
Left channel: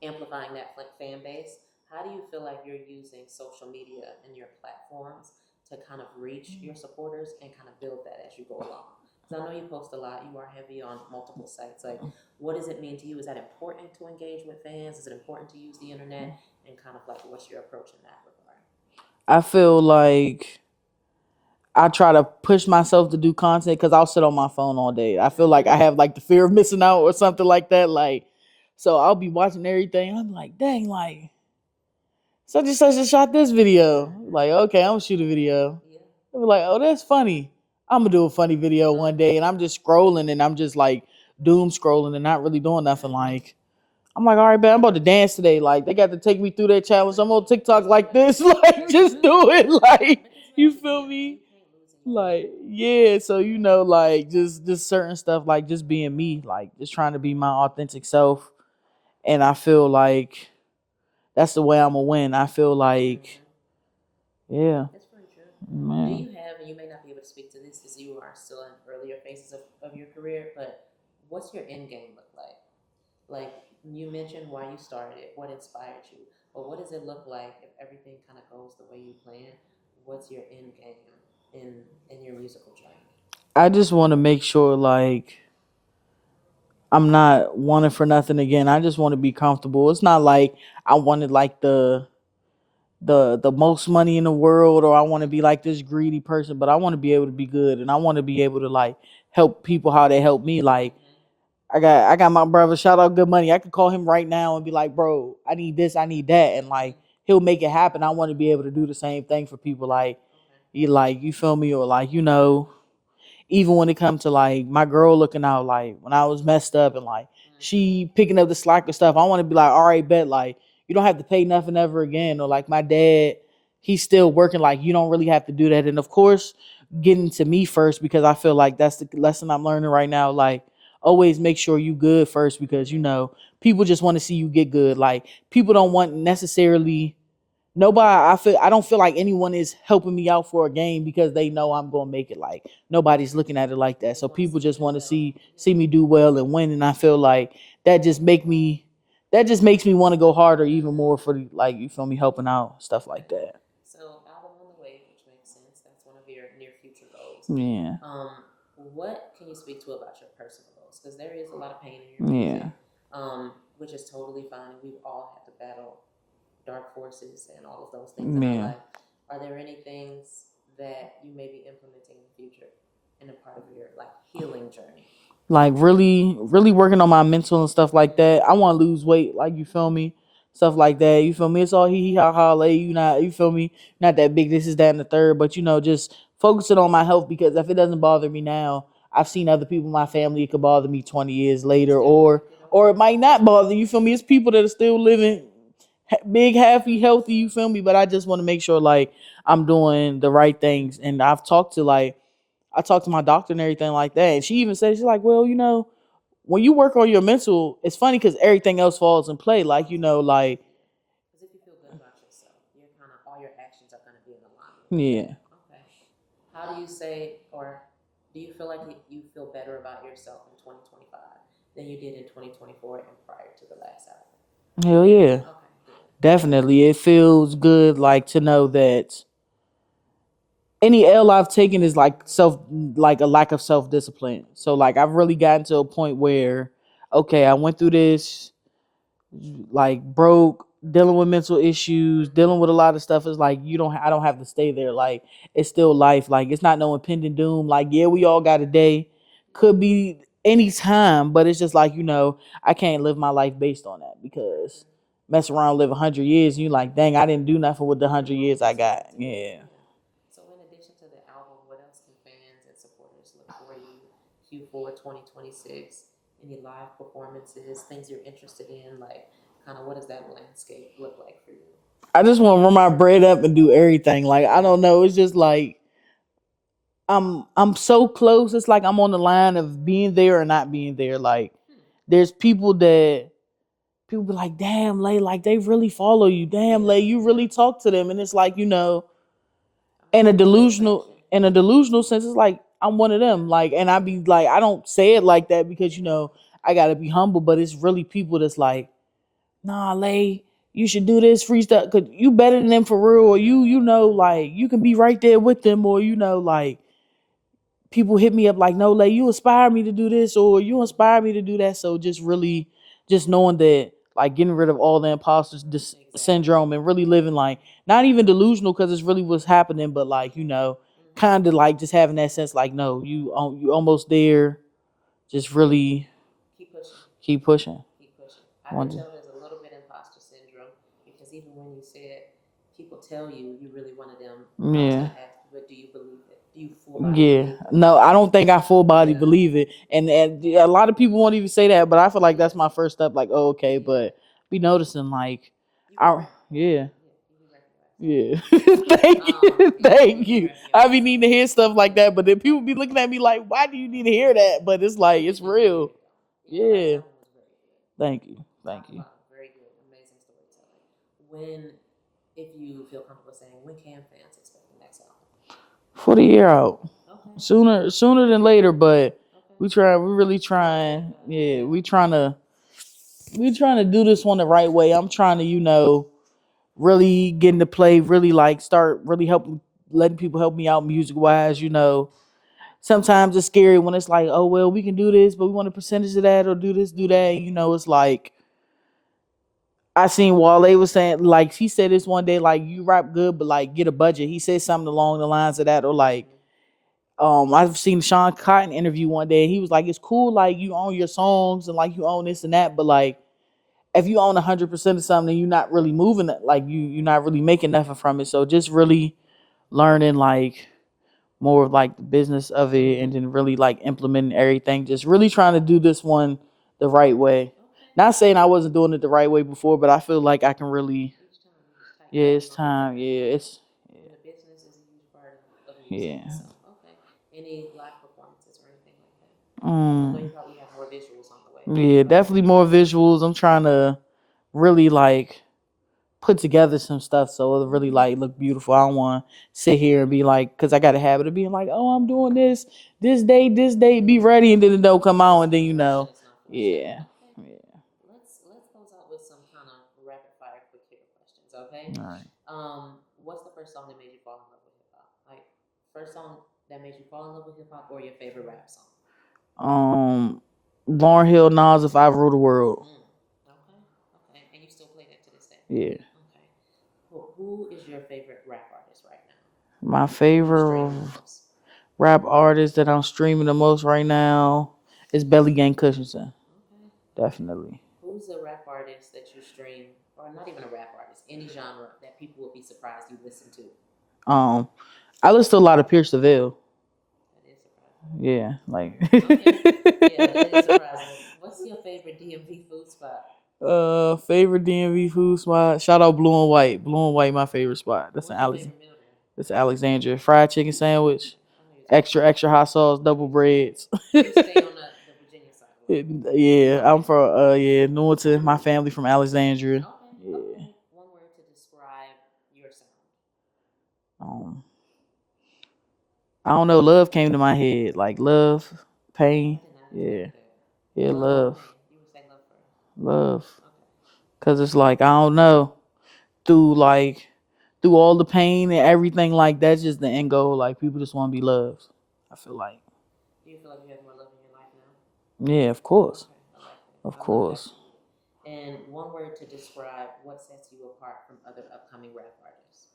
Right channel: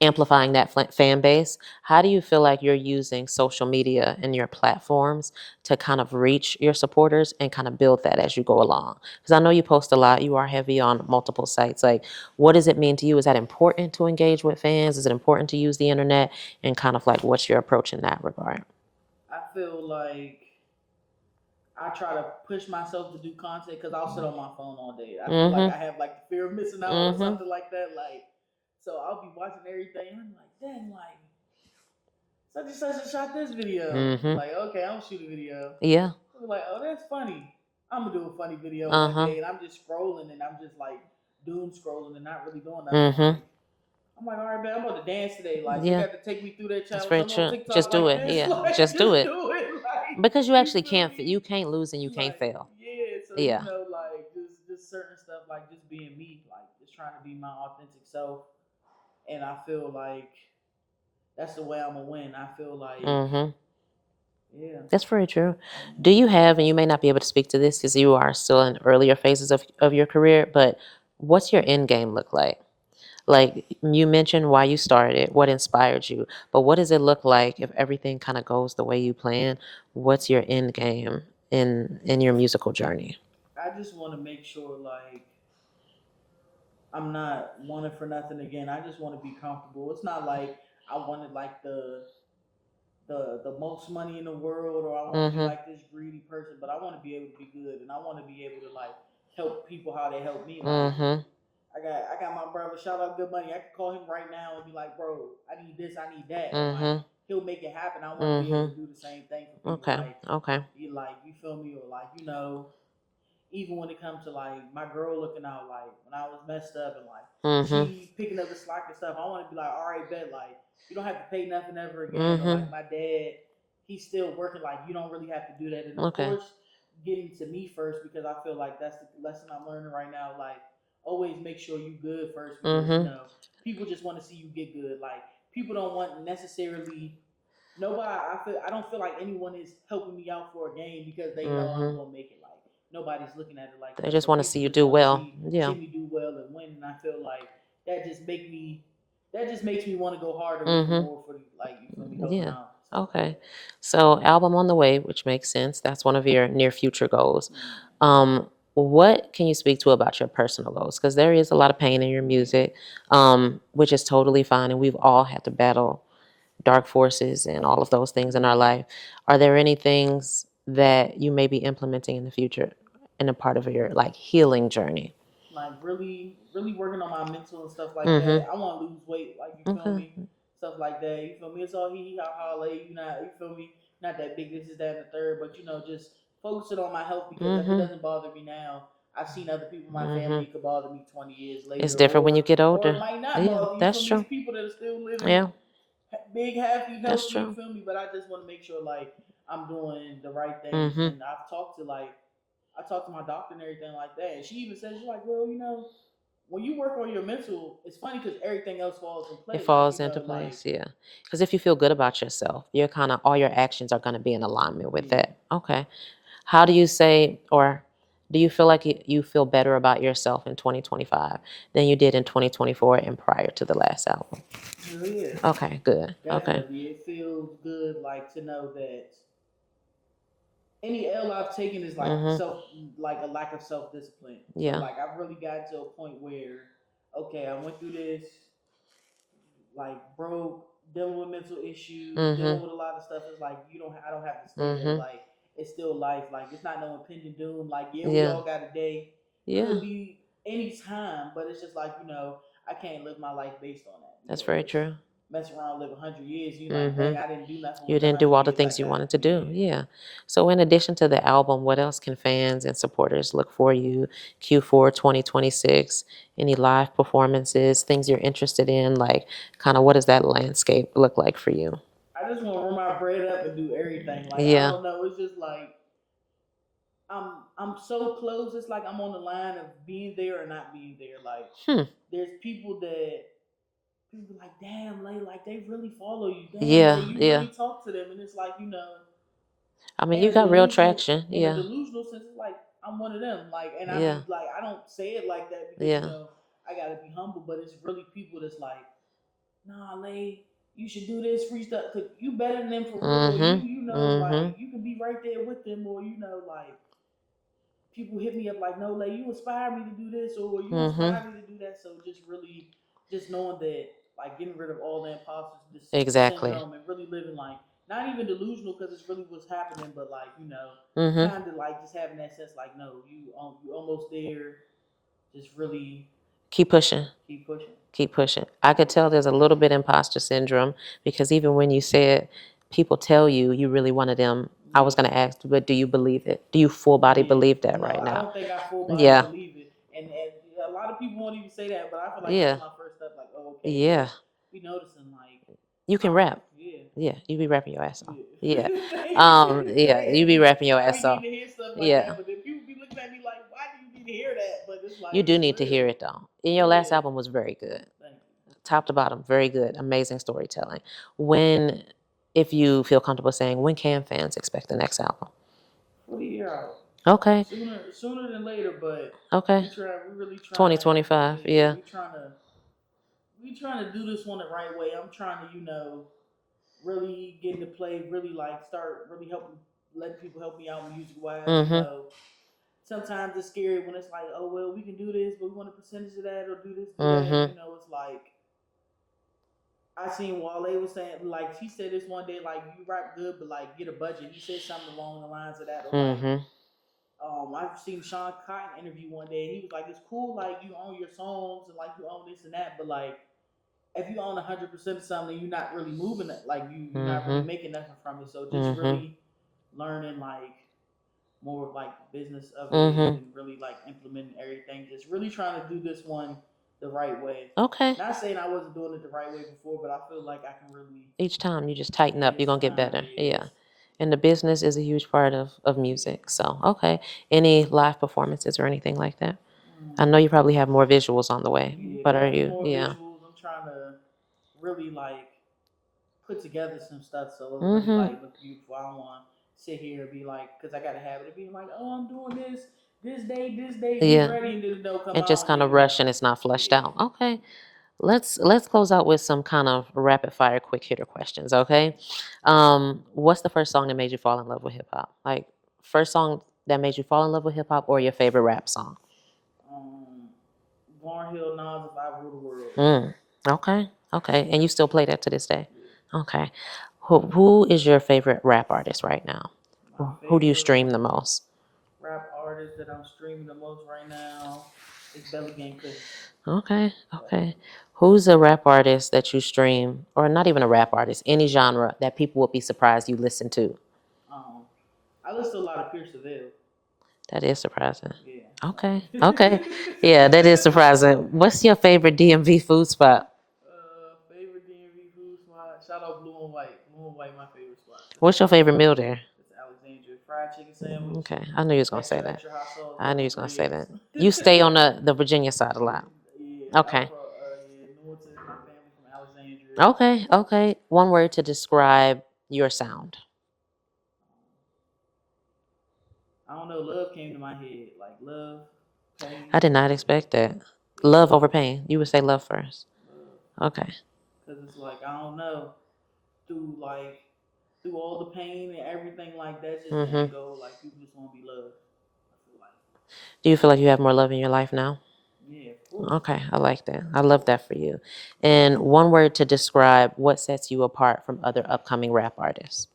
amplifying that fan base. How do you feel like you're using social media and your platforms to kind of reach your supporters and kind of build that as you go along? Because I know you post a lot. You are heavy on multiple sites. Like, what does it mean to you? Is that important to engage with fans? Is it important to use the internet? And kind of like, what's your approach in that regard? I feel like I try to push myself to do content, because I'll sit on my phone all day. I feel like I have like the fear of missing out or something like that. Like, so I'll be watching everything. I'm like, dang, like, such and such shot this video. Like, okay, I'm gonna shoot a video. Yeah. I'll be like, oh, that's funny. I'm gonna do a funny video one day, and I'm just scrolling, and I'm just like doom scrolling and not really doing nothing. Like, I'm like, all right, man, I'm about to dance today. Like, they got to take me through that challenge. I'm on TikTok just like this. Yeah. Like, just do it. Like, because you actually feel can't. me? You can't lose and you Like, can't fail. yeah, so Yeah. like just certain stuff, like just being me, like just trying to be my authentic self. And I feel like that's the way I'm gonna win. I feel like, yeah, That's very true. man. Do you have, and you may not be able to speak to this because you are still in earlier phases of your career, but what's your end game look like? Like, you mentioned why you started, what inspired you, but what does it look like if everything kind of goes the way you plan? What's your end game in your musical journey? I just want to make sure, like, I'm not wanting for nothing again. I just want to be comfortable. It's not like I wanted like the most money in the world, or I want to be like this greedy person, but I want to be able to be good, and I want to be able to like help people how they help me. Like, I got my brother, shout out Good Money. I could call him right now and be like, bro, I need this, I need that, and like he'll make it happen. I want to be able to do the same thing for people. Okay. Like, you feel me, or like, even when it comes to like my girl looking out, like when I was messed up and like she picking up the slack or stuff, I want to be like, all right, bet, like you don't have to pay nothing ever again. Or like my dad, he's still working, like you don't really have to do that. And of course, getting to me first, because I feel like that's the lesson I'm learning right now. Like always make sure you good first, because you know, people just want to see you get good. Like people don't want necessarily I don't feel like anyone is helping me out for a game because they know I'm gonna make it. Like nobody's looking at it like They that. just So want to people see you just do want to well. see me do well and win. And I feel like that just makes me want to go harder even more for the, like, you feel me, helping out, stuff like that. So album on the way, which makes sense. That's one of your near future goals. Yeah. What can you speak to about your personal goals? Because there is a lot of pain in your music, which is totally fine, and we've all had to battle dark forces and all of those things in our life. Are there any things that you may be implementing in the future in a part of your like healing journey? Like really working on my mental and stuff like that. I want to lose weight, like, you feel me, stuff like that, you feel me. It's all hee ha ha lay, you not, you feel me, not that big, this is that and the third, but you know, just focusing on my health, because if it doesn't bother me now, I've seen other people in my family, it could bother me 20 years later. It's different when you get older. Or it might not bother you, feel me. true. It's people that are still living big, happy, healthy, you true. feel me. But I just want to make sure like I'm doing the right things. And I talked to my doctor and everything like that, and she even said, she's like, well, you know, when you work on your mental, it's funny because everything else falls in play. Like, you know, like, because if you feel good about yourself, you're kind of, all your actions are going to be in alignment with that. Okay. How do you say, or do you feel like you feel better about yourself in 2025 than you did in 2024 and prior to the last album? Hell yeah. Okay, good. Definitely. It feels good, like, to know that any L I've taken is like like a lack of self-discipline. So like I've really gotten to a point where, okay, I went through this, like broke, dealing with mental issues, dealing with a lot of stuff. It's like I don't have to stay there. Like it's still life. Like it's not no impending doom. Like we all got a day. Could be any time, but it's just like, you know, I can't live my life based on that. That's very true. Mess around, live 100 years, and you like, dang, I didn't do nothing with the 100 years I got. You didn't do all the things you wanted to do. Yeah. So in addition to the album, what else can fans and supporters look for you Q4 2026? Any live performances, things you're interested in? Like, kind of what does that landscape look like for you? I just want to run my bread up and do everything. Like, I don't know. It's just like, I'm so close. It's like I'm on the line of being there or not being there. Like, there's people be like, damn, Lay, like they really follow you. Damn, Lay, you really talk to them. And it's like, you know, I mean, in a delusional sense, it's like I'm one of them. Like, and I be like, I don't say it like that because you know, I gotta be humble, but it's really people that's like, nah, Lay, you should do this freestyle because you better than them for real. Or you know, like you can be right there with them, or you know, like people hit me up like, no, Lay, you inspire me to do this, or you inspire me to do that. So just really, just knowing that, like getting rid of all the imposter syndrome and really living like, not even delusional because it's really what's happening, but like, you know, kind of like just having that sense like, no, you almost there. Just really keep pushing. I could tell there's a little bit imposter syndrome because even when you said people tell you really wanted them, I was going to ask, but do you believe it? Do you full body believe that? No, I don't think I full body believe it. And a lot of people won't even say that, but I feel like that's my first step. Like, oh, okay, but be noticing like, you can rap. Yeah, you be rapping your ass off. Yeah. Thank you be rapping your ass off. I be needing to hear stuff like that, but then people be looking at me like, why do you need to hear that? But it's like, you do need real. to hear it though. And your last album was very good. Thank you. Top to bottom, very good. Amazing storytelling. If you feel comfortable saying, when can fans expect the next album? For the year out. Okay. Sooner than later, but okay. We're really trying. 2025. Yeah. We trying to do this one the right way. I'm trying to, you know, really get into play, really like start really letting people help me out music wise, you know. Sometimes it's scary when it's like, oh well, we can do this, but we want a percentage of that, or do this, do that. You know, it's like, I seen Wale was saying, like, he said this one day, like, you rap good, but like get a budget. He said something along the lines of that, or like, I've seen Sean Cotton interview one day, and he was like, it's cool, like you own your songs and like you own this and that, but like if you own 100% of something, you're not really moving it, like you're not really making nothing from it. So just really learning like more of like the business of it, and then really like implementing everything. Just really trying to do this one the right way. Okay. Not saying I wasn't doing it the right way before, but I feel like I can really. Each time you just tighten up, you're gonna get better. Yeah. And the business is a huge part of music. So okay. Any live performances or anything like that? I know you probably have more visuals on the way. Yeah, definitely more visuals. I'm trying to really like put together some stuff so it'll really like look beautiful. I don't want to sit here and be like, because I got a habit of being like, oh, I'm doing this day, be ready, and then it don't come out. Just and kind then of rush and it's not fleshed out. Okay. Let's close out with some kind of rapid fire quick hitter questions, okay? What's the first song that made you fall in love with hip hop? Like first song that made you fall in love with hip hop, or your favorite rap song? Lauryn Hill, Nas, If I Rule the World. Okay. And you still play that to this day? Yeah. Okay. Who is your favorite rap artist right now? My favorite. Who do you stream the most? Rap artist that I'm streaming the most right now is Belly Gang Cushinson. Okay. Definitely. Who's a rap artist that you stream, or not even a rap artist, any genre that people would be surprised you listen to? I listen to a lot of Pierce DeVille. That is surprising. Yeah. Okay. Yeah, that is surprising. What's your favorite DMV food spot? Favorite DMV food spot? Shout out Blue and White. Blue and White, my favorite spot. What's your favorite meal there? It's Alexandria. Fried chicken sandwich. Okay. I knew you was gonna say that. Extra hot sauce, double bread. You stay on the Virginia side a lot. Yeah. Okay. I'm from Newington. My family from Alexandria. Okay. One word to describe your sound. I don't know. Love came to my head. Like love, pain. I did not expect that. Yeah, love over pain. You would say love first. Love. Okay. Because it's like, I don't know. Through all the pain and everything, like that's just the end goal. Like people just want to be loved. I feel like. Do you feel like you have more love in your life now? Yeah, of course. Okay, I like that. I love that for you. And one word to describe what sets you apart from other upcoming rap artists.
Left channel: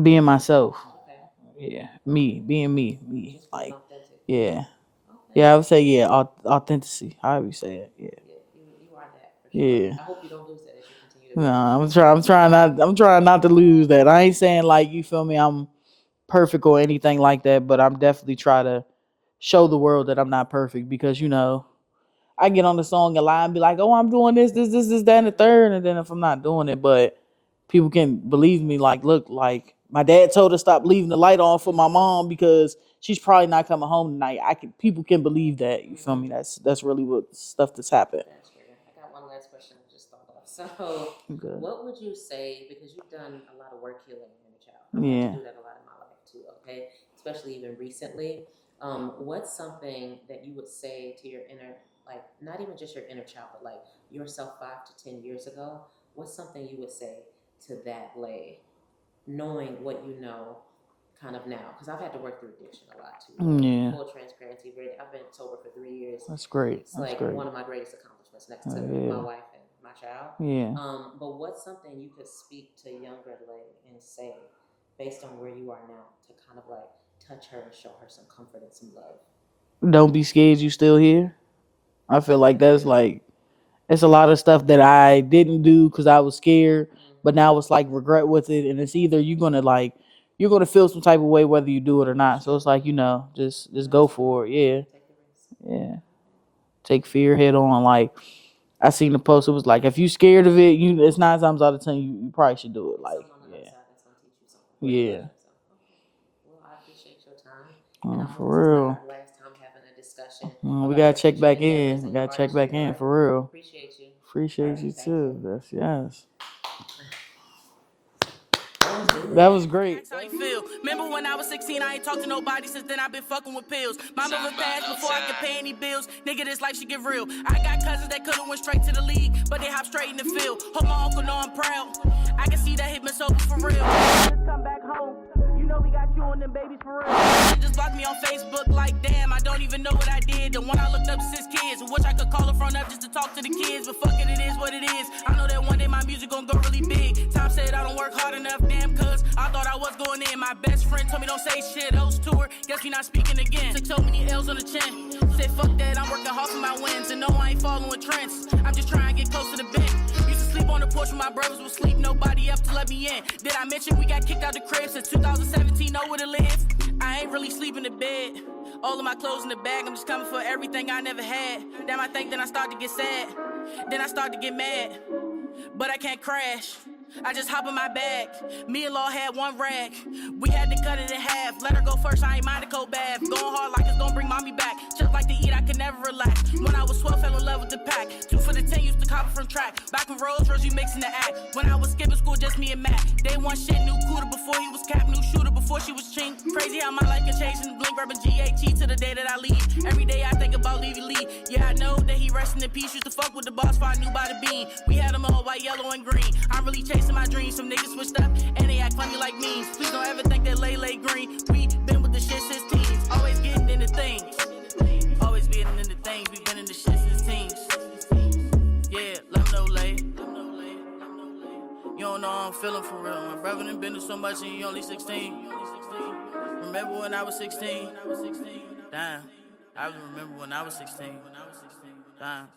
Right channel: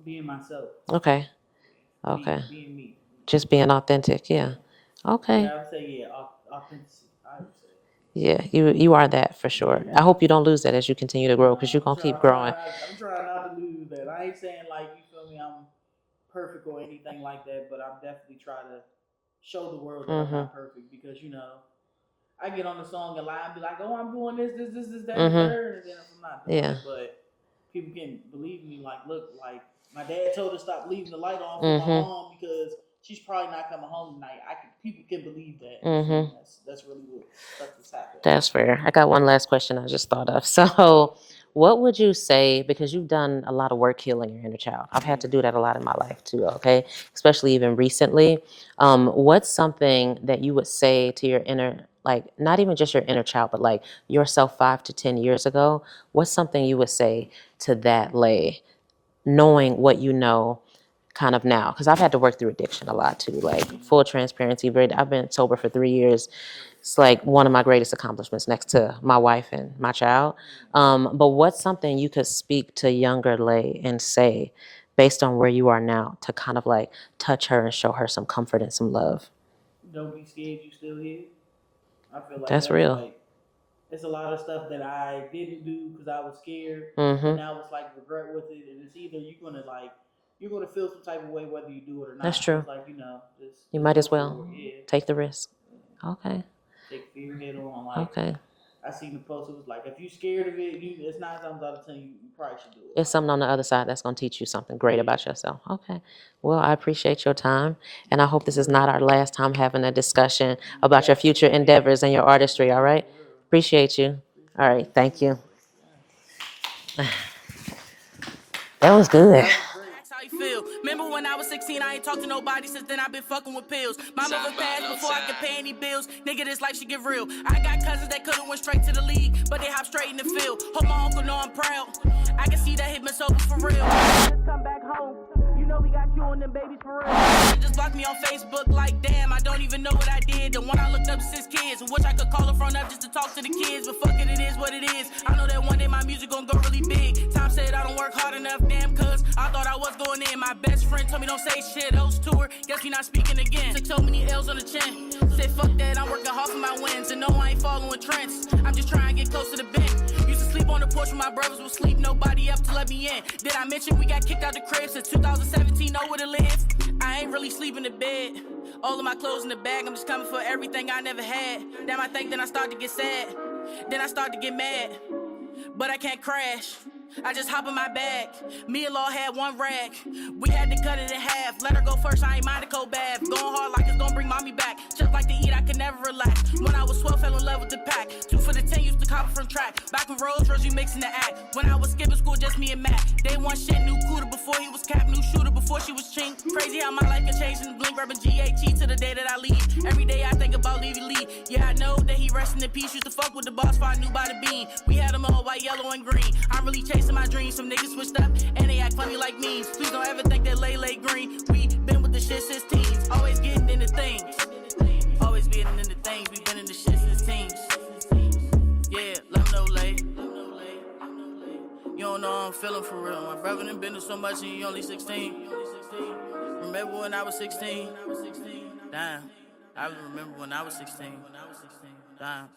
Being myself. Okay. Yeah. Okay. Being me. Just being authentic. Yeah. Okay. Yeah, I would say authenticity. How would you say it? Yeah, you are that for sure. Yeah. I hope you don't lose that as you continue to grow. I'm trying not to lose that. I ain't saying like, you feel me, I'm perfect or anything like that, but I'm definitely trying to show the world that I'm not perfect, because I get on the song and lie and be like, oh, I'm doing this, that, and the third, and then if I'm not doing it, but people can believe me. Like, look, like my dad told her to stop leaving the light on for my mom because she's probably not coming home tonight. People can believe that. You feel me? That's really what stuff that's happened. That's fair. I got one last question I just thought of. So what would you say, because you've done a lot of work healing your inner child. I've had to do that a lot in my life too, okay? Especially even recently. What's something that you would say to your inner, like not even just your inner child, but like yourself 5 to 10 years ago? What's something you would say to that Lay, knowing what you know kind of now? Because I've had to work through addiction a lot too, like full transparency. I've been sober for 3 years. That's great. It's like one of my greatest accomplishments next to my wife and my child. But what's something you could speak to younger Lay and say based on where you are now to kind of like touch her and show her some comfort and some love? Don't be scared, you still here. I feel like that's real. Like, it's a lot of stuff that I didn't do because I was scared, but now it's like regret with it, and it's either you're gonna feel some type of way whether you do it or not. That's true. So it's like, just might go as well for it. Yeah. Take the risk. Yeah. Okay. Take fear head on. Like, I seen the post. It was like, if you scared of it, it's 9 times out of 10 you probably should do it. It's something on the other side that's gonna teach you something great about yourself. Okay. Well, I appreciate your time, and I hope this is not our last time having a discussion about your future endeavors and your artistry. All right. For real. Appreciate you. All right. Thank you. Yes. That was good. That was great. That's how you feel. Remember when I was 16, I ain't talked to nobody. Since then, I've been fucking with pills. My mother passed before I could pay any bills. Nigga, this life should get real. I got cousins that could've went straight to the league, but they hop straight in the field. Hope my uncle know I'm proud. I can see that hit been sober for real. Just come back home. You know we got you on them babies for real. Just blocked me on Facebook like, damn, I don't even know what I did. The one I looked up 6 kids. Wish I could call her front up just to talk to the kids, but fuck it, it is what it is. I know that one day my music gon' go really big. Tom said I don't work hard enough, damn, cuz I thought I was going in. My best friend told me don't say shit. Host tour, guess we not speaking again. Took so many L's on the chin. Said fuck that, I'm working hard for my wins. And no, I ain't following trends. I'm just trying to get close to the bench. Used to sleep on the porch when my brothers would sleep. Nobody up to let me in. Did I mention we got kicked out the crib since 2017? Know where to live? I ain't really sleeping in bed. All of my clothes in the bag, I'm just coming for everything I never had. Damn, I think then I start to get sad. Then I start to get mad. But I can't crash. I just hop in my bag. Me and Law had one rag. We had to cut it in half. Let her go first, I ain't mind a cold bath. Going hard like it's gonna bring mommy back. Just like to eat, I could never relax. When I was 12, fell in love with the pack. 2 for the 10, used to copy from track. Back when Rose you mixing the act. When I was skipping school, just me and Matt. Day one shit, new cooter before he was cap. New shooter before she was chink. Crazy how my life can change in the blink. Rubbing GAT to the day that I leave. Every day I think about Levy Lee. Yeah, I know that he resting in peace. Used to fuck with the boss, I knew by the bean. We had them all white, yellow, and green. I'm really chasing my dreams. Some niggas switched up and they act funny like memes. Please don't ever think that lay green. We been with the shit since teens. Always getting into things. Always getting into things. We been in the shit since teens. Yeah, let them know, Lay. You don't know how I'm feeling for real. My brother done been through so much and he only 16. Remember when I was 16? Damn, I remember when I was 16. Damn.